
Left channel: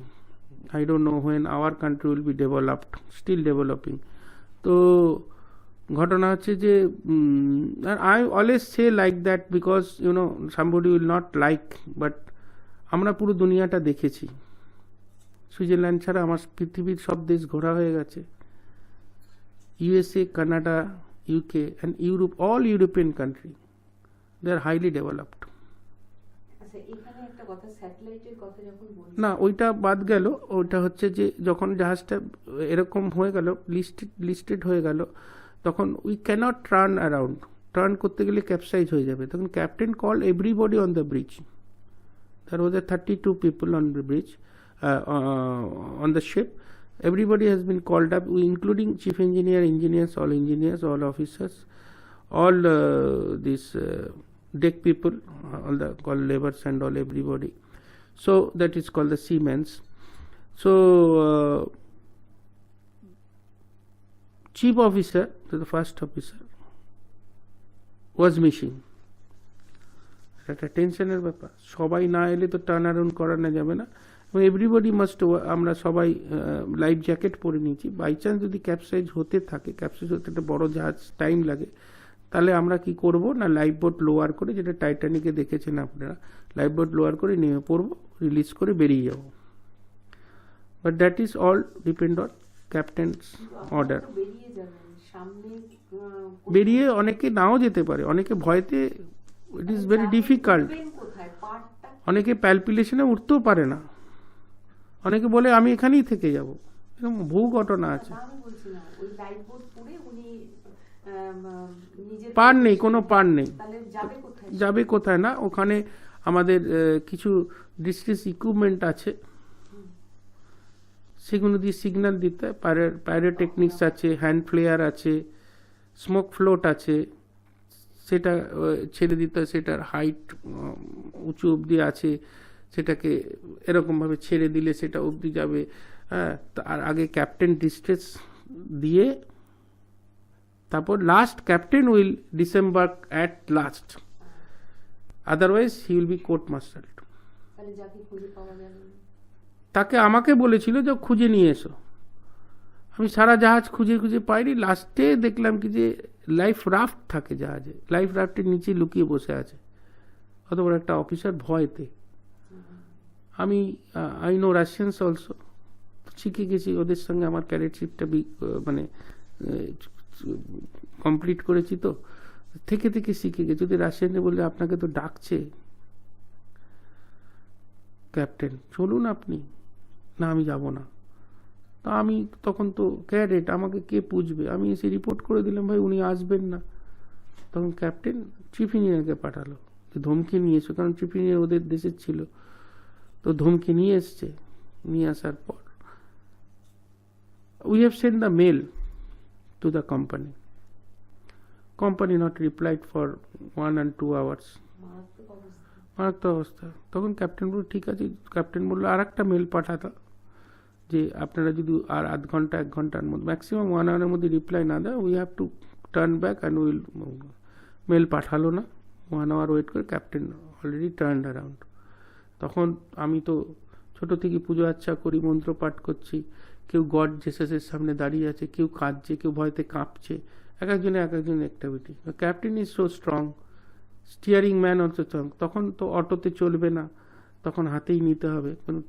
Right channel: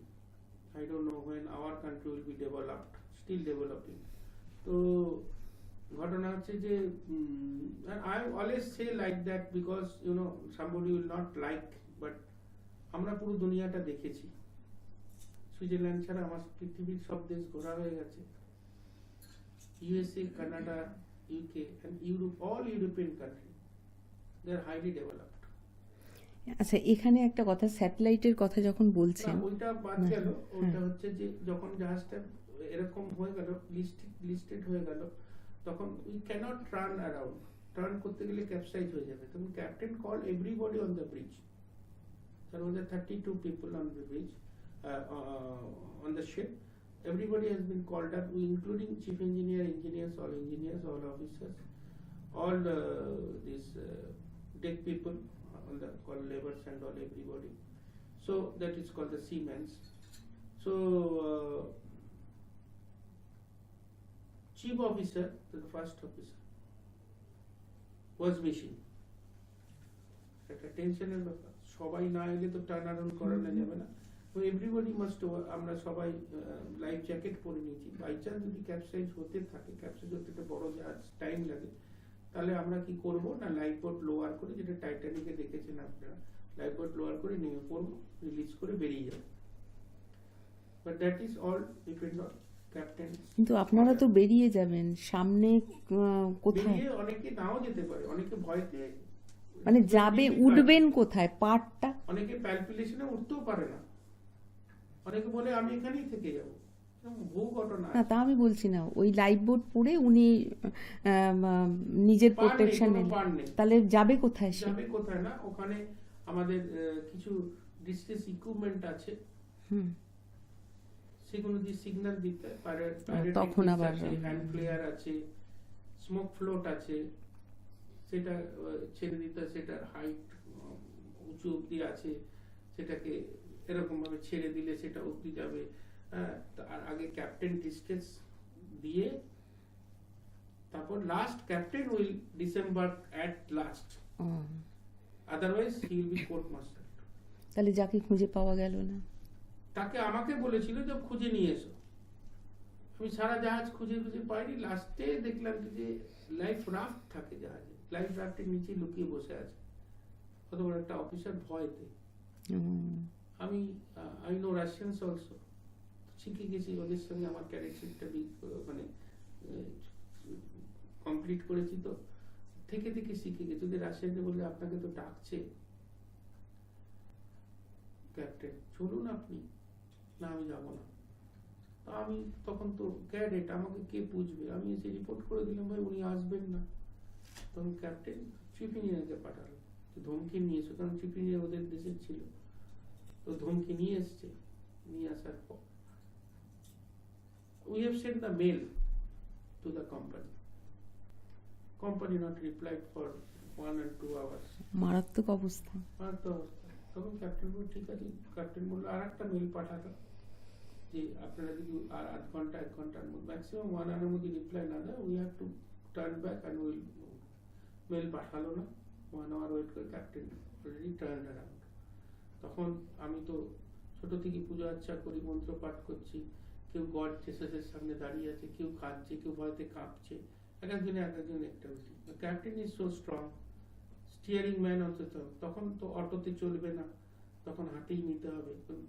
I don't know when our country will be developed, still developing. তো ঘটনা হচ্ছে যে I always say like that because somebody will not like, but আমরা পুরো দুনিয়াটা দেখেছি। সুইজারল্যান্ড ছাড়া আমার পৃথিবীর সব দেশ ঘোরা হয়ে গেছে। USA, Canada, UK and Europe, all European country, they are highly developed. আচ্ছা, এখানে একটা কথা, স্যাটেলাইটের কথা যখন বলছি না, ওইটা বাদ গেল। ওইটা হচ্ছে যে যখন জাহাজটা এরকম হয়ে গেল, লিস্টেড হয়ে গেল, তখন we cannot turn around. Turn করতে গেলে ক্যাপসাইজ হয়ে যাবে। তখন captain call everybody on the bridge. There was 32 people on the bridge, on the ship. Everybody has been called up, including chief engineer, engineers, all officers, all these deck people, all the called laborers and all everybody. So that is called the seamen's. So chief officer, the first officer, was missing. একটা টেনশনের ব্যাপার। সবাই না এলে তো টার্ন অ্যারাউন্ড করানো যাবে না। এভরিবডি মাস্ট, আমরা সবাই লাইফ জ্যাকেট পরে নিয়েছি। বাই চান্স যদি ক্যাপসাইজ হতে থাকে, ক্যাপসাইজ হতে একটা বড় জাহাজ টাইম লাগে, তাহলে আমরা কি করব না, লাইফ বোট লোয়ার করে, যেটা টাইটানিকে দেখেছেন আপনারা, লাইফ বোট লোয়ার করে নেমে পড়বো, রিলিজ করে বেরিয়ে যাব। But that is all depend on captain. কিন্তু আপনারা তো বেরিয়ে যাবেন, সামনে বেরিয়ে অনেকে নাও যেতে পারে, অনেকে ভয়তে, মানে উঠবেন কোথায় পার্টটা, অনেকে প্যালপিলেশনে উঠতেও পারে না, অনেকে বলে আমি এখানেই থেকে যাব। এরকম বহু ঘটনা আছে। তা আমি বলছি না, ওই লাইফ বোট পড়ে উনি নিজের পার নেই, কোনো পার নেই, তাহলে যাবে কোথায় না। ওখানে আমাদের কিছু ডিস্ট্রেস ইকুইপমেন্ট আছে, সেগুলো দিয়ে সিগন্যাল দিতে, পাইরোটেকনিক্স আছে, হ্যান্ড ফ্লেয়ার আছে, স্মোক ফ্লোট আছে, সেটা ছেড়ে দিতে হয়, সেটার হাইট উঁচু অবধি আছে, সেটাকে এরকমভাবে ছেড়ে দিলে সেটা অবধি যাবে। হ্যাঁ, আর আগে ক্যাপ্টেন ডিস্ট্রেস দিয়ে তারপর last captain will disembark at last, otherwise he will be court martialled. তাহলে যাকে খুঁজে পাওয়া গেল না, তাকে আমাকে বলেছিল যে খুঁজে নিয়ে এসো। আমি সারা জাহাজ খুঁজে খুঁজে পাইনি, লাস্টে দেখলাম কি যে লাইফ রাফট থাকে জাহাজে, লাইফ রাফটের নিচে লুকিয়ে বসে আছে অত বড় একটা অফিসার ভয়তে। আমি আই নো রাশিয়ানস অলসো, শিখে গেছি ওদের সঙ্গে, আমার ক্যাডেটশিপটা মানে কমপ্লিট করেছি, তো থেকে থেকে শিখে গেছি। যদি রাশিয়ানে বললে আপনাকে তো ডাকছে ক্যাপ্টেন, চলুন আপনি, না আমি যাব না। তা আমি তখন তো ক্যাডেট, আমাকে কে পুছবে, আমি এসে রিপোর্ট করে দিলাম ভাই উনি আসবেন না। তখন ক্যাপ্টেন চিফ ইঞ্জিনিয়ারকে পাঠালো যে ধমকি নিয়ে এসো, কারণ চিফ ইঞ্জিনিয়ার ওদের দেশের ছিল, তো ধমকি নিয়ে এসছে। নিয়ে আসার পর we have send the mail to the company, company not replied for 1 and 2 hours। মারাত্মক অবস্থা, মারাত্মক অবস্থা। তখন ক্যাপ্টেন বলল ঠিক আছে, ক্যাপ্টেন বললো আর একটা মেল পাঠাতো যে আপনারা যদি আর আধ ঘন্টা 1 ঘন্টার মধ্যে, ম্যাক্সিমাম 1 hour মধ্যে রিপ্লাই না দেয়, we have to turn back and will. Mail পাঠালো না, 1 hour ওয়েট করে ক্যাপ্টেন অলরেডি টার্ন অ্যারাউন্ড। তখন আমি তো ছোট থেকে পুজো আচ্ছা করি, মন্ত্র পাঠ করছি, কেউ গড জেসাসের সামনে দাঁড়িয়ে আছে, কেউ কাঁদছে, কেউ ভয়তে কাঁপছে, এক একজনের activity. Captain is so strong, steering man also strong. তখন তো অটোতে চলবে না, তখন হাতেই নিতে হবে, কারণ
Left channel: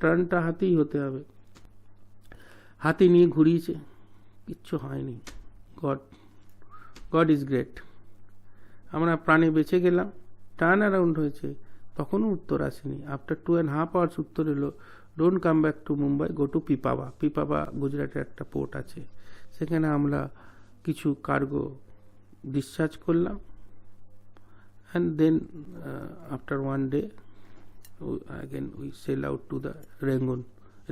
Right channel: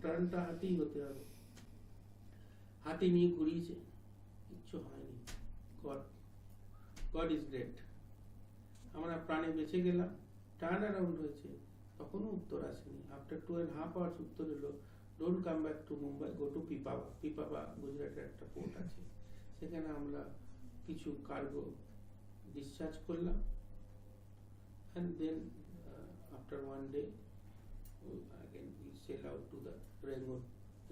টার্নটা হাতেই হতে হবে। হাতে নিয়ে ঘুরিয়েছে, কিচ্ছু হয়নি। God is great. আমরা প্রাণে বেঁচে গেলাম, টার্ন অ্যারাউন্ড হয়েছে, তখনও উত্তর আসেনি। আফটার 2.5 hours উত্তর এলো, don't come back to Mumbai, go to Pipavav. Pipavav গুজরাটের একটা পোর্ট আছে, সেখানে আমরা কিছু কার্গো ডিসচার্জ করলাম। And then after 1 day again we sail out to the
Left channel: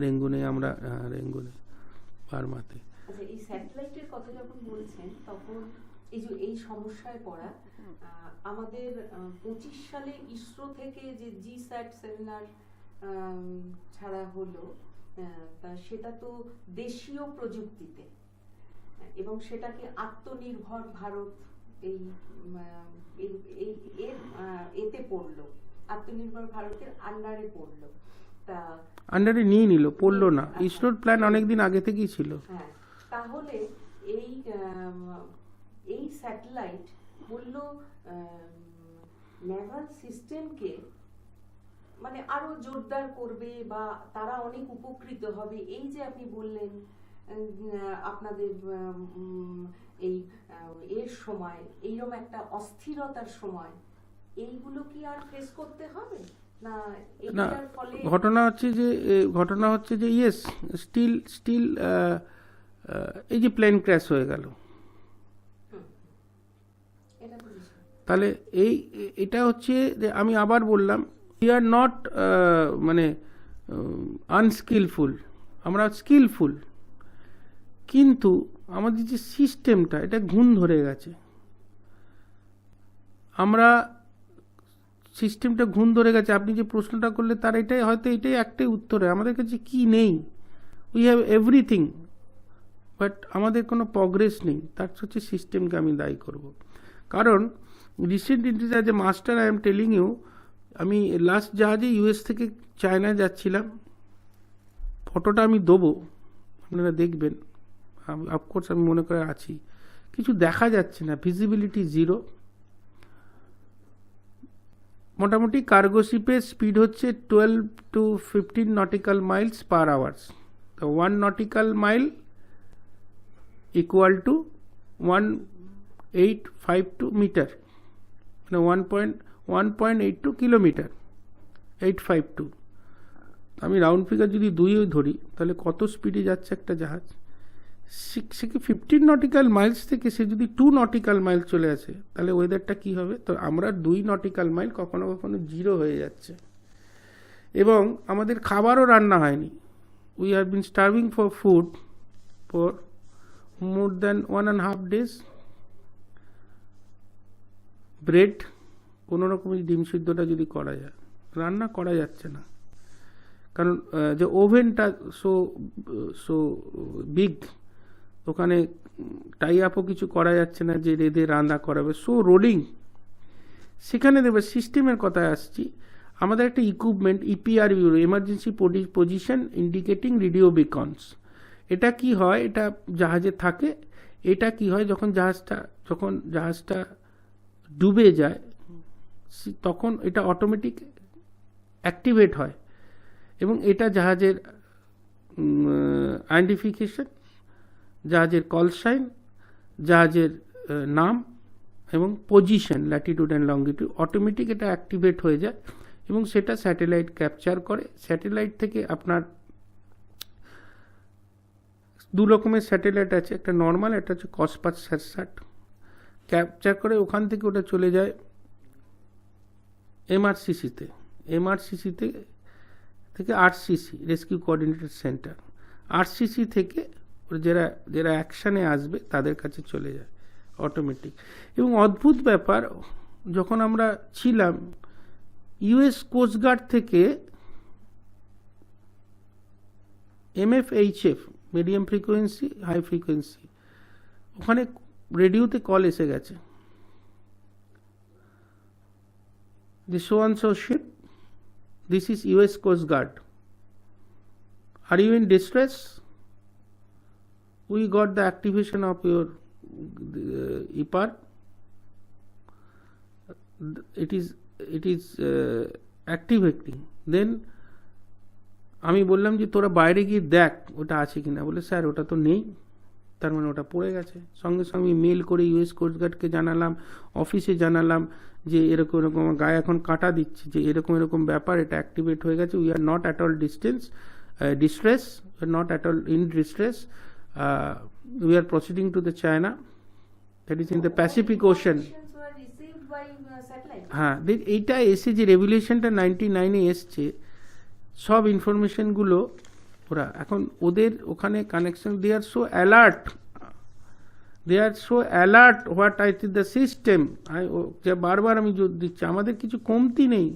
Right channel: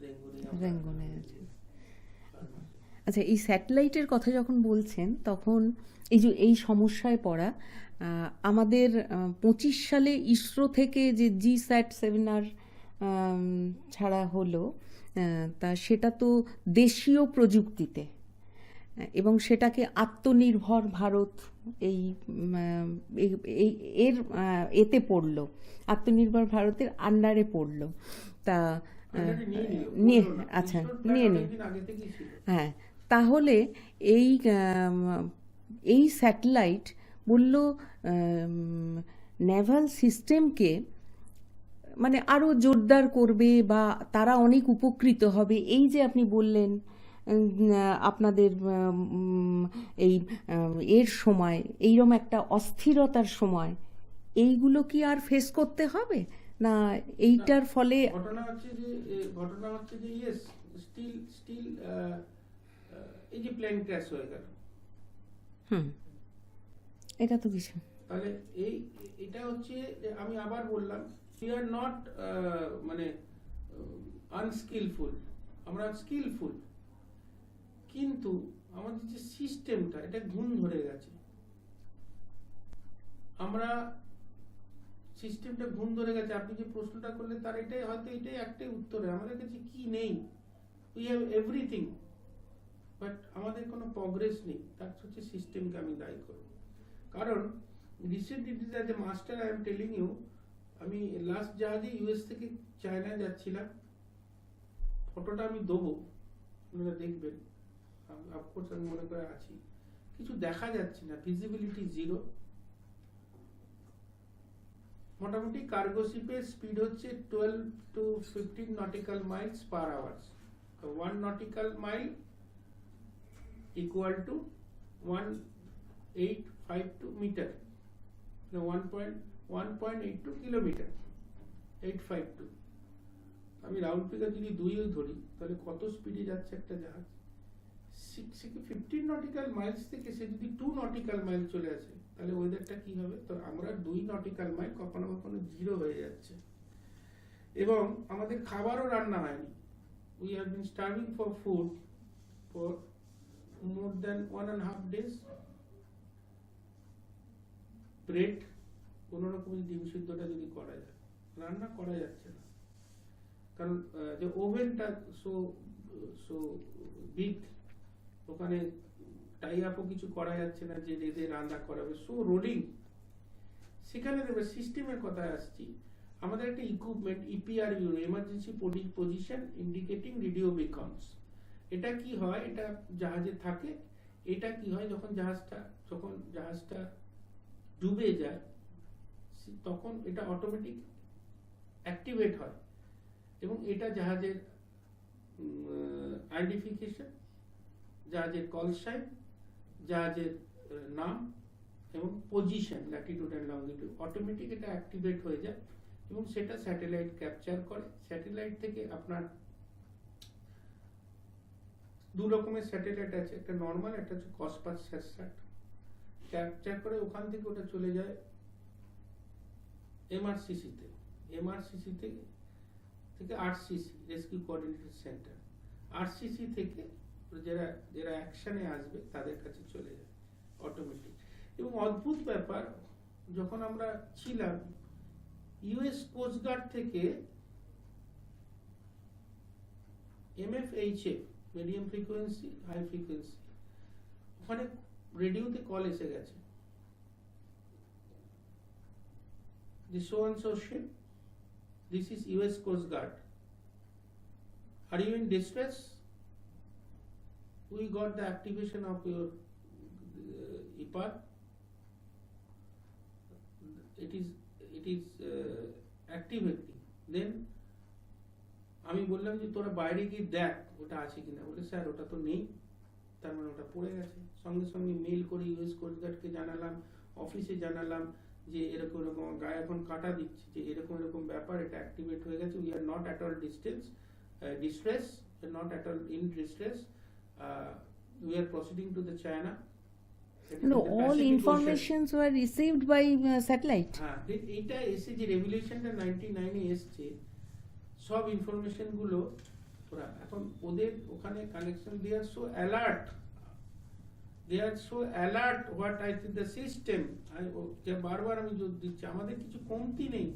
রেঙ্গুনে আমরা রেঙ্গুনে বার্মাতে। আচ্ছা, এই স্যাটেলাইটের কথা যখন বলছেন তখন এই সমস্যায় পড়া, আমাদের 25 সালে ইসরো থেকে যে GSAT 7R ছাড়া হলো, তা সেটা তো দেশীয় প্রযুক্তিতে, এবং সেটাকে আত্মনির্ভর ভারত এর এতে পড়লো, আত্মনির্ভর ভারতের আন্ডারে পড়লো। তা আন্ডারে নিয়ে নিল, পড়লো না, ইসরোর প্ল্যান অনেকদিন আগে থেকেই ছিল। হ্যাঁ, তাহলে এই স্যাটেলাইট বলল নেভাল সিস্টেমকে মানে আরো জোরদার করবে বা তারা অনেক উপকৃত হবে। এই যে আপনি বললেন আপনাদের এই এর সময় এইরকম একটা অস্থিরতার সময় এইগুলো কি আর ফেস করতে হবে না? এইটার ফলে ঘটনা হচ্ছে যে ইয়েস, স্টিল এই যে প্লেন ক্র্যাশ হয়ে গেল, এটা তো কিছু, তাহলে এটা হচ্ছে যে আমি আবার বললাম, উই আর নট মানে আনস্কিলফুল, আমরা স্কিলফুল, কিন্তু আমাদের যে সিস্টেমটা এটা ঘুণ ধরে গেছে। আমরা সিস্টেমটা ঘুণ ধরে গেছে। আপনি যে প্রশ্নটা করলে তার এটাই হয়তো এটাই একটাই উত্তরে, আমাদের কাছে কি নেই, উই হ্যাভ এভরিথিং বাট আমাদের কোনো প্রগ্রেস নেই। তার হচ্ছে সিস্টেমকে আমি দায়ী করব। কারণ recent indies as a master I am telling you, আমি লাস্ট জাহাজে US থেকে চায়না যাচ্ছিলাম, ফটোটা আমি দেবো, আপনারা দেখবেন, অফকোর্স আমি মনে করে আছি, কিছু দেখা যাচ্ছে না, ভিজিবিলিটি 0। মোটামুটি কার্গো শিপের স্পিড হচ্ছে 12 to 15 nautical miles per hour। তো 1 nautical mile equal to 1852 metre, মানে 1.82 কিলোমিটার, 852। আমি রাউন্ড ফিগার যদি 2 ধরি তাহলে কত স্পিডে যাচ্ছে একটা জাহাজ? সে 15 নটিক্যাল মাইলস থেকে সে যদি 2 নটিক্যাল মাইল চলে আসে, তাহলে ওয়েদারটা কি হবে? তো আমরা 2 নটিক্যাল মাইল কখনো কখনো 0 হয়ে যাচ্ছে, এবং আমাদের খাবারও রান্না হয়নি। We have been starving for food for more than 1.5 days। Bread, কোনো রকমের ডিম সিদ্ধটা যদি করা যায়, রান্না করা যাচ্ছে না, কারণ যে ওভেনটা সো সো বিগ, ওখানে টাই আপও কিছু করা যাচ্ছে না যে রেঁধে রান্না করাবে, সো রোলিং। সেখানে দেবে সিস্টেমের কথায় আসছি, আমাদের একটা equipment EPIRB, emergency position indicating radio beacons. এটা কি হয়, এটা জাহাজে থাকে। এটা কি হয়, যখন জাহাজটা ডুবে যায় তখন এটা অটোমেটিক অ্যাক্টিভেট হয়, এবং এটা জাহাজের আইডেন্টিফিকেশন, জাহাজের কল সাইন, জাহাজের নাম এবং position, Latitude and longitude, automatic এটা অ্যাক্টিভেট হয়ে যায় এবং সেটা স্যাটেলাইট ক্যাপচার করে। স্যাটেলাইট থেকে আপনার দু রকমের স্যাটেলাইট আছে, একটা নর্মাল, একটা হচ্ছে কসপাস স্যাটস্যাট, ক্যাপচার করে ওখান থেকে ওটা চলে যায় এমআরসিসিতে, এমআরসিসিতে থেকে RCC, rescue coordinated centre, RCC থেকে যারা অ্যাকশানে আসবে তাদের কাছে চলে যায় অটোমেটিক। এবং অদ্ভুত ব্যাপার, যখন আমরা ছিলাম ইউএস কোস্টগার্ড থেকে এমএফএইচএফ, মিডিয়াম ফ্রিকোয়েন্সি হাই ফ্রিকোয়েন্সি, ওখানে রেডিওতে কল এসে গেছে যে so and so ship, this is US Coast Guard, are you in distress? We got the activation of your IPAR, it is activating. Then আমি বললাম যে তোরা বাইরে গিয়ে দেখ ওটা আছে কিনা, বলে স্যার ওটা তো নেই, তার মানে ওটা পড়ে গেছে। সঙ্গে সঙ্গে মেল করে ইউএস কোস্টগার্ডকে জানালাম, অফিসে জানালাম যে এরকম এরকম, গায়ে এখন কাটা দিচ্ছি যে এরকম এরকম ব্যাপার, এটা অ্যাক্টিভেট হয়ে গেছে, we are not at all distress, not at all in distress, we are proceeding to the China, that is in the Pacific ocean. were received by satellite. হ্যাঁ, এইটা এসে যে রেভুলেশনটা 99-এ এসছে, সব ইনফরমেশনগুলো ওরা এখন ওদের ওখানে connection, they are so alert, what I think the system, যে বারবার আমি জোর দিচ্ছি, আমাদের কিছু কমতি নেই,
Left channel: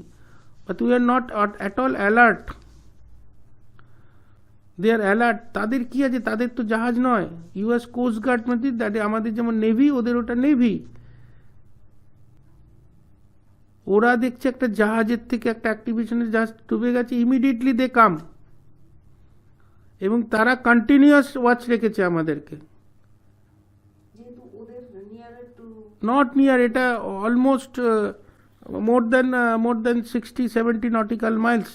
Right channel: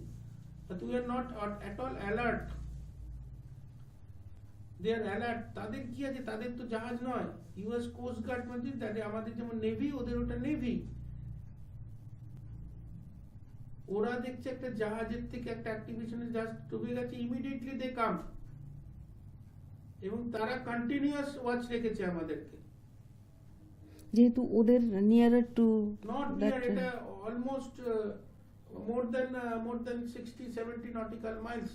but we are not at all alert, they are alert. তাদের কি আছে, তাদের তো জাহাজ নয়, ইউএস কোস্ট গার্ড মানে আমাদের যেমন নেভি, ওদের ওটা নেভি। ওরা দেখছে একটা জাহাজের থেকে একটা অ্যাক্টিভেশনের জাহাজ ডুবে গেছে, ইমিডিয়েটলি দে কাম, এবং তারা কন্টিনিউয়াস ওয়াচ রেখেছে আমাদেরকে। যেহেতু ওদের নিয়ারার টু, নট নিয়ার, এটা almost more than 60-70 nautical miles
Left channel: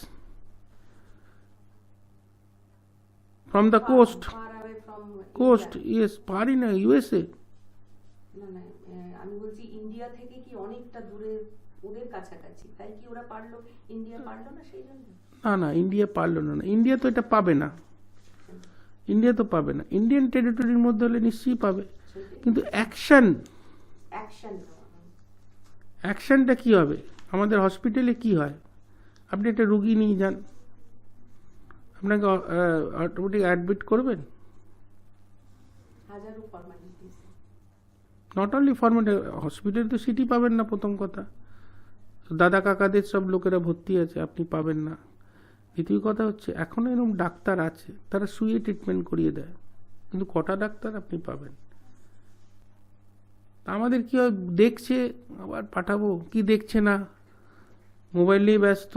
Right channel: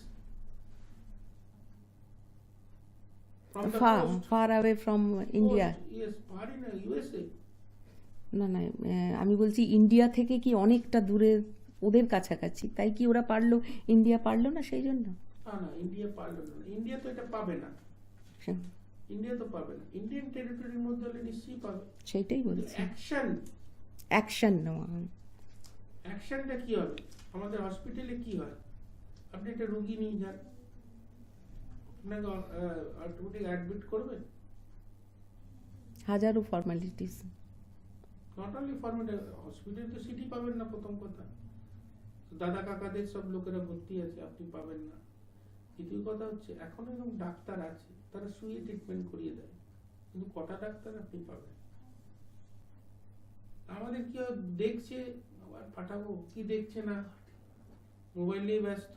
from the coast. far away from Coast, India. yes, far in USA. না আমি বলছি ইন্ডিয়া থেকে কি অনেকটা দূরে, ওদের কাছাকাছি, তাই কি ওরা পারলো, ইন্ডিয়া পারলো না সেই জন্য? না, ইন্ডিয়া পারলো না, ইন্ডিয়া তো এটা পাবে না, ইন্ডিয়া তো পাবে না, ইন্ডিয়ান টেরিটরির মধ্যে হলে নিশ্চয়ই পাবে, সেটাই। কিন্তু অ্যাকশন নেওয়া, অ্যাকশনটা কি হবে? আমাদের হসপিটালে কি হয়, আপনি একটা রুগী নিয়ে যান, আপনাকে অটোমেটিক অ্যাডমিট করবেন, হাজারো ফর্মালিটিস, নট অনলি ফর্মালিটি, হসপিটালে তো সিটি পাবেন না, প্রথম কথা, দাদা কাকাদের সব লোকেরা ভর্তি আছে, আপনি পাবেন না। দ্বিতীয় কথা হচ্ছে, এখনো এরকম ডাক্তার আছে, তারা শুয়ে ট্রিটমেন্ট করিয়ে দেয়, কিন্তু কটা ডাক্তার আপনি পাবেন? আমাদের কি হয়, দেখছে আবার পাঠাবো, কি দেখছে না, মোবাইল নিয়ে ব্যস্ত,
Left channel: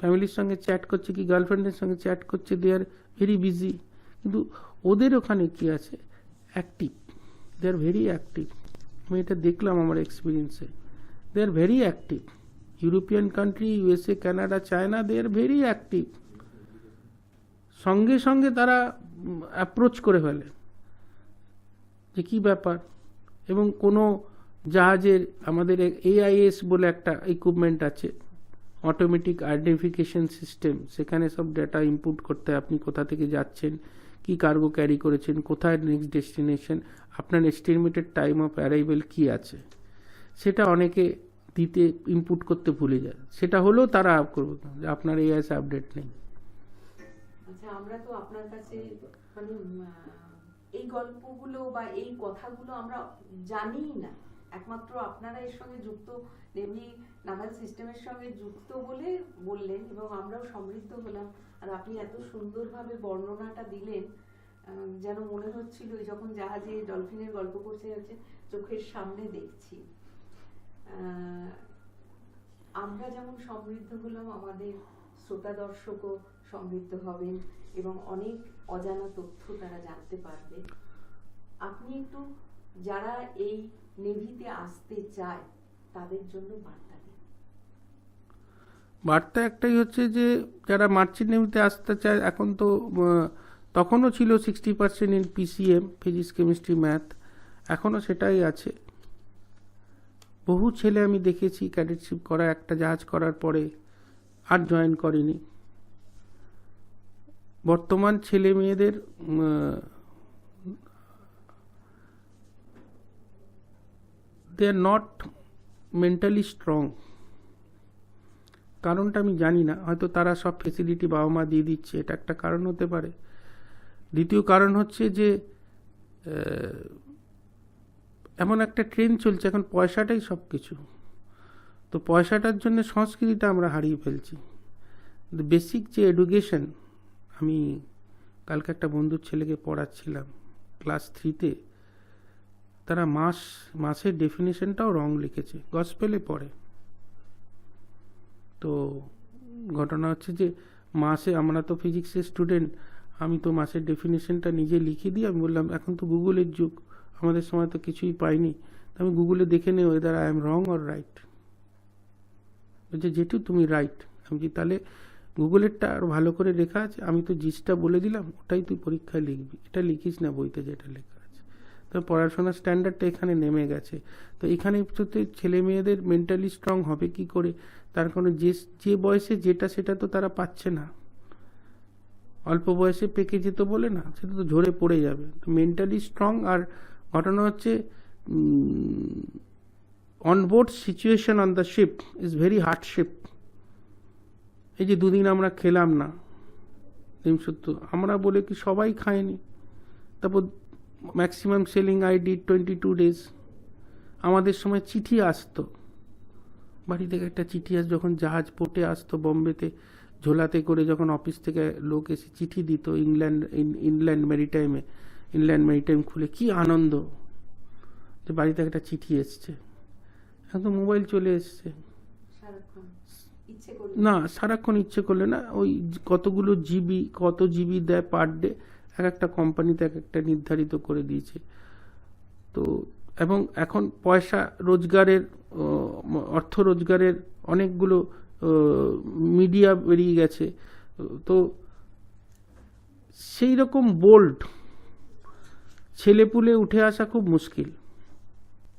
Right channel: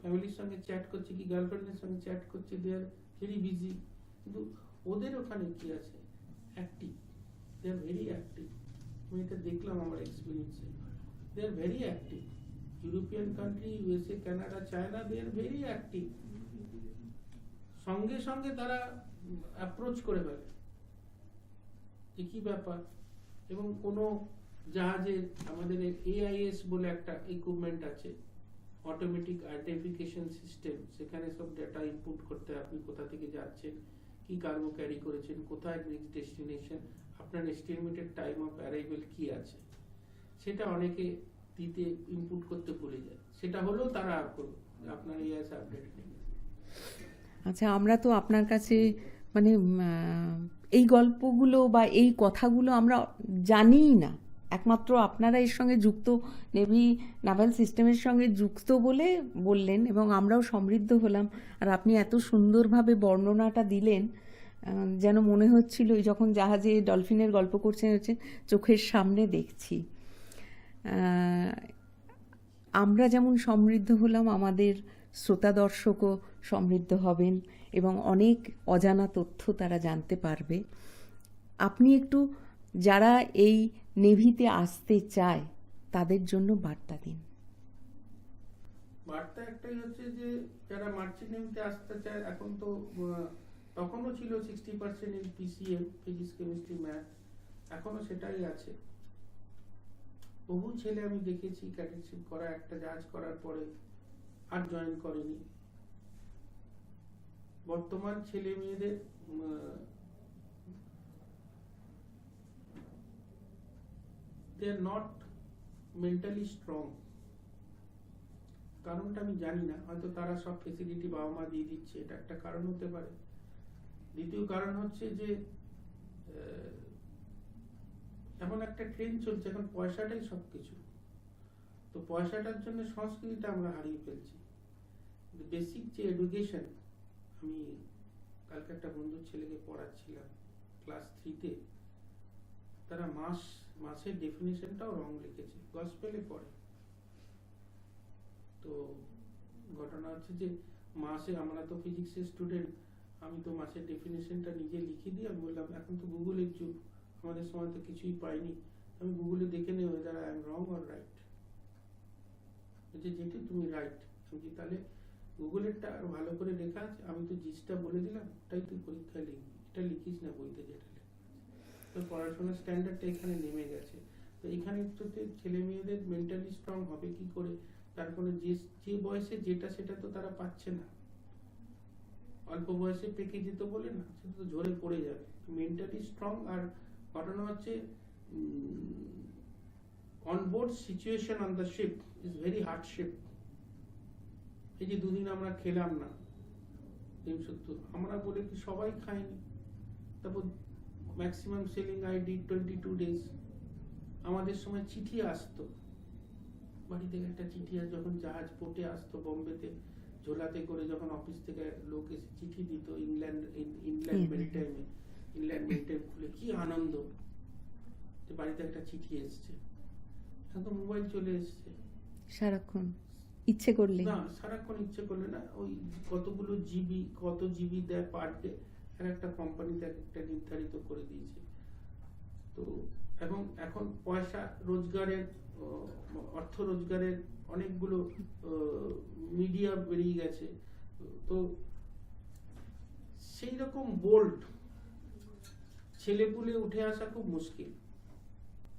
ফ্যামিলির সঙ্গে চ্যাট করছে, কি গার্লফ্রেন্ডের সঙ্গে চ্যাট করছে, দে আর ভেরি বিজি। কিন্তু ওদের ওখানে কি আছে, active, they are very active. আমি এটা দেখলাম আমার এক্সপিরিয়েন্সে, they are very active. European country, USA, Canada, China, they are very active. সঙ্গে সঙ্গে তারা অ্যাপ্রোচ করে ফেলে যে কি ব্যাপার, এবং কোনো জাহাজের, আমাদের AIS বলে একটা ইকুইপমেন্ট আছে, অটোমেটিক আইডেন্টিফিকেশন সিস্টেম, সেখানে সব ডেটা ইনপুট করতে হয়, আপনি কোথা থেকে যাচ্ছেন, কি কার্গো ক্যারি করেছেন, কোথায় নেক্সট ডেস্টিনেশন, আপনার এস্টিমেটেড টাইম অফ অ্যারাইভেল কি আছে, সেটা অনেকে দিতে ইনপুট করতে ভুলে যায়, সেটা হলেও তারা করবে যে আপনার AIS আপডেট নেই। আচ্ছা, আমরা তো আপনার কাছে এই গল্পগুলো বা এই কথাগুলো আমরা জানিই না, একমাত্র আপনারা এর সঙ্গে যুক্ত, নেভি নাভাল সিস্টেমের সঙ্গে যুক্ত বলে বললেন, এবং আমরাও সমৃদ্ধ হলাম। আর আপনি এত সুন্দরভাবে বর্ণনাটা দিলেন, যেন মনে হচ্ছিল যখন জাহাজে ডলফিনের গল্প করছেন হচ্ছে চোখের সামনে দেখছি। আমরা যেমন সমৃদ্ধ হলাম, আমাদের শ্রোতা দর্শকও সমৃদ্ধ হবেন এবং অনেক অজানা তথ্য তারা জানতে পারবে। আপনি একটু যারা এই নেভিতে আসতে চায় তাদের জন্য বার্তা দিন। বার্তা একটাই হচ্ছে যে যারা মার্চেন্ট নেভিতে আসতে চায়, এখন তো তখনও ছিল 60% in PCM, physics chemistry math, এখনও সেটাই আছে। বহু ছেলে আমি দেখেছি ক্যাডেটশিপ করা, একটা জাহাজ করার পরে আর জয়েন করেনি। বর্তমান ছেলে মেয়েদের দে আর নট মেন্টালি স্ট্রং। কারণটা আমি জানি না, হয়তো তারা সব ফেসিলিটি বাবা মা দিয়ে দিচ্ছে, এটা একটা কারণ হতে পারে। দ্বিতীয় কারণ হচ্ছে যে এমন একটা ট্রেন্ড চলছে এখন, পয়সাটাই সব কিছু। তো পয়সাটার জন্য সংস্কৃতিটা আমরা হারিয়ে ফেলছি। বেসিক যে এডুকেশন, আমি কালকে একটা বন্ধুর ছেলেকে পড়াচ্ছিলাম ক্লাস 3-তে, তারা মাসের ডেফিনেশনটাও রং লিখেছে, গসপেলে পড়ে। তো ঘটনা হচ্ছে যে মাসে, আমরা তো ফিজিক্সের স্টুডেন্ট, আমি তো মাসের ডেফিনেশনটা নিজে লিখে দিই। আমি বললাম এখন তো গুগলের যুগ, আমাদের সময় তো কিছুই পাইনি, আমি গুগলে দেখে নেই weather I am wrong or right. বলছে যেটু তুমি রাইট। আমি কি তাহলে গুগলেরটা আরও ভালো করে লেখা আছে, আমি তো জিসটা বলে দিলাম, ওটাই তুই পরীক্ষায় লিখবি, এটা লিখিস না বইতে যেটা লেখা আছে। তো পড়াশোনার স্ট্যান্ডার্ডটা এখানে নেমে গেছে। তো এখানে ছেলে মেয়েদের মেন্টালি স্ট্রং হবে কি করে? তার কারণে যে বয়সে যেটা সেটা তো তারা পাচ্ছে না। অল্প বয়সে পেকে যেত বলে না, সেটা তো ঝরে পড়ে যাবে। তো মেন্টালি স্ট্রং। আর ঘটনা হচ্ছে onboard situation on the ship is very hardship. এই যে দুদিন আমরা খেলাম না ডিম সত্য, আমরা বলে কি সবাই খায়নি। তারপর ম্যাক্সিমাম সেলিং আইডি 22 days। আমাদের সময় চিঠি আসতো, বাড়ি থেকে একটা চিঠি আসতো, যখন জাহাজ পোর্টে আসতো বোম্বেতে, ঝোলাতে করে যখন অফিস থেকে লোক এসে চিঠি দিত ইনল্যান্ড মেরিটাইম খুলে, কি আনন্দ যে বাড়ি থেকে একটা চিঠি এসছে। এখন তো মোবাইল চলে এসছে, সারাক্ষণ ইচ্ছে করলে না, সারাক্ষণ ইচ্ছে করলে না, ওই কত জিবি দেয় পার ডে, এক একটা কোম্পানিতে এক একটা নির্ধারিত করে দিয়েছে। তো এবং এখন পয়সা রোজগারের, অর্থ রোজগারের অনেকগুলো মিডিয়া বেরিয়ে গেছে। তো সেই রকম বোল্ড ছেলেপুলে উঠে আসা খুব মুশকিল।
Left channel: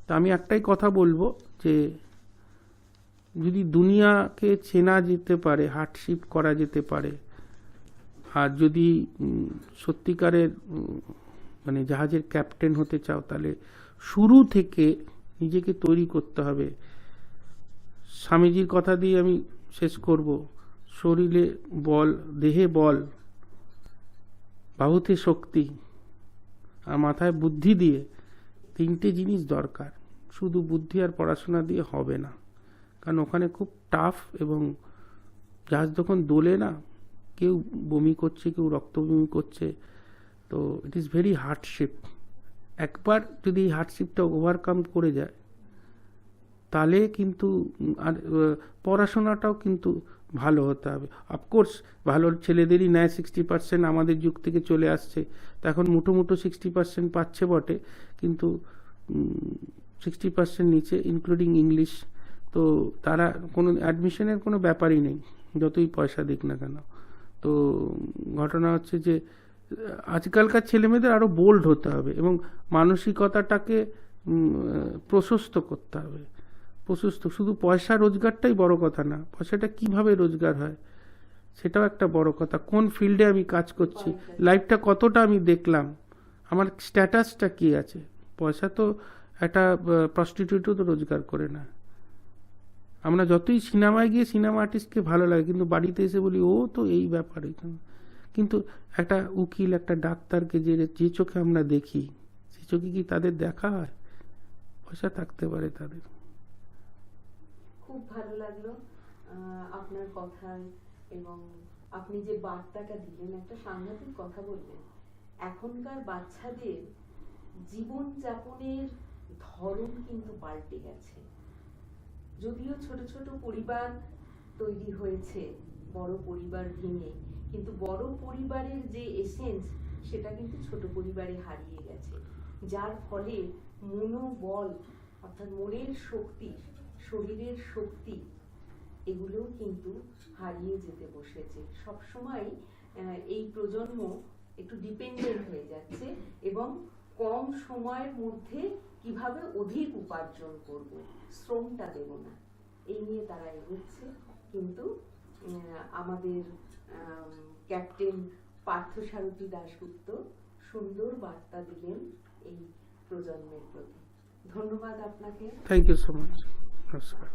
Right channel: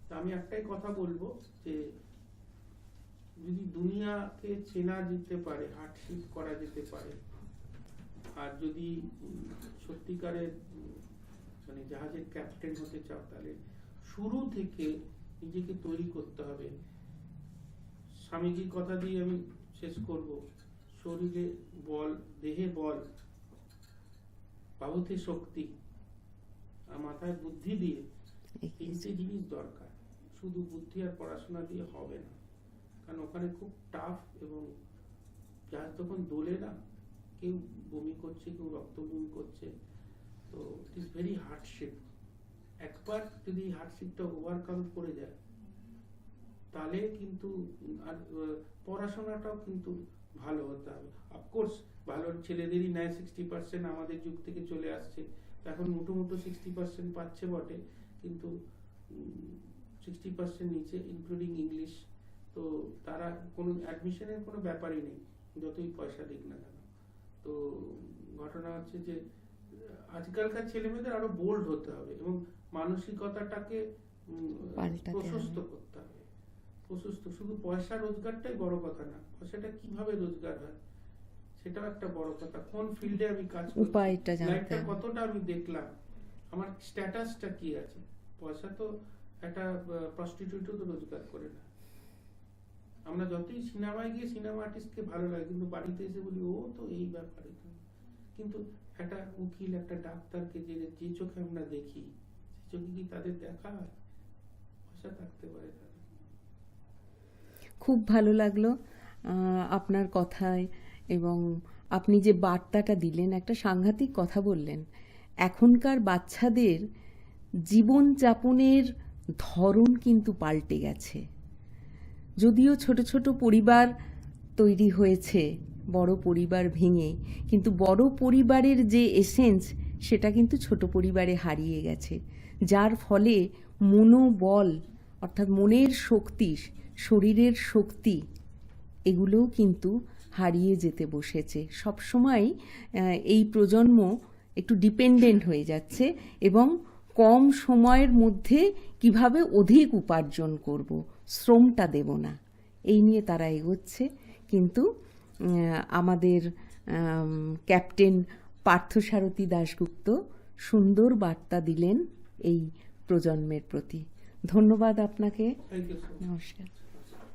তা আমি একটাই কথা বলবো যে যদি দুনিয়াকে চেনা যেতে পারে, হার্ডশিপ করা যেতে পারে, আর যদি সত্যিকারের মানে জাহাজের ক্যাপ্টেন হতে চাও, তাহলে শুরু থেকে নিজেকে তৈরি করতে হবে। স্বামীজির কথা দিয়ে আমি শেষ করব, শরীরে বল, দেহে বল, বাহুতে শক্তি আর মাথায় বুদ্ধি দিয়ে তিনটে জিনিস দরকার। শুধু বুদ্ধি আর পড়াশোনা দিয়ে হবে না, কারণ ওখানে খুব টাফ, এবং জাহাজ যখন দোলে না, কেউ বমি করছে, কেউ রক্ত বমি করছে। তো ইট ইজ ভেরি হার্ডশিপ। একবার যদি এই হার্ডশিপটা ওভারকাম করে যায়, তাহলে কিন্তু আর পড়াশোনাটাও কিন্তু ভালো হতে হবে। অফকোর্স ভালো ছেলেদেরই নেয় 60%, আমাদের যুগ থেকে চলে আসছে। তো এখন মুঠো 60% পাচ্ছে বটে, কিন্তু 60% নিচে ইনক্লুডিং ইংলিশ। তো তারা কোনো অ্যাডমিশনের কোনো ব্যাপারই নেই, যতই পয়সা দিক না কেন। তো ঘটনা হচ্ছে যে আজকালকার ছেলেমেয়েদের আরও বোল্ড হতে হবে এবং মানসিকতাটাকে প্রশস্ত করতে হবে। শুধু পয়সা রোজগারটাই বড় কথা না, পয়সাটা কিভাবে রোজগার হয় সেটাও একটা বড় কথা। কোন ফিল্ডে আমি কাজ করছি, লাইফটা কতটা আমি দেখলাম, আমার স্ট্যাটাসটা কি আছে। পয়সা তো একটা প্রস্টিটিউটও তো রোজগার করে না। আমরা যতই সিনেমায় গিয়ে সিনেমা আর্টিস্টকে ভালো লাগে, কিন্তু বাড়িতে এসে বলি ও তো এই ব্যাপারে। কিন্তু একটা উকিল, একটা ডাক্তারকে যে চোখে আমরা দেখি, সে চোখে কি তাদের দেখা হয়? পয়সা থাকতে পারে তাদের। খুব ভালো লাগলো আপনার কথায়, এবং আপনি যে বার্তাটা দিলেন, একটা সাংঘাতিক কথা বললেন। এখনকার বাচ্চাদের জীবনযাপনের ধরন কিন্তু পাল্টে গেছে। যদিও ছোট ছোট পরিবার তৈরি হয়েছে বড় পরিবার ভেঙে, কিন্তু বড় পরিবারের যে এসেন্স সেটা কিন্তু ছোট পরিবারে হারিয়ে গেছে, যার ফলে মনোবল অর্থাৎ মনের শক্তি, শরীরের শক্তি, এগুলোও কিন্তু হারিয়ে যেতে বসেছে। সবসময় এই প্রজন্ম একটু ডিপেন্ডেন্ট হয়ে যাচ্ছে, এবং কম সময়ের মধ্যে কিভাবে অধিক উপার্জন করব, শ্রমটা দেব না, এই নিয়ে তারা এগোচ্ছে। কিন্তু আমাদের ক্যাপ্টেন পার্থসারথী দাশগুপ্ত সুন্দর বার্তা দিলেন এই প্রজন্মের প্রতি। ধন্যবাদ আপনাকে। Thank you so much. নমস্কার। নমস্কার।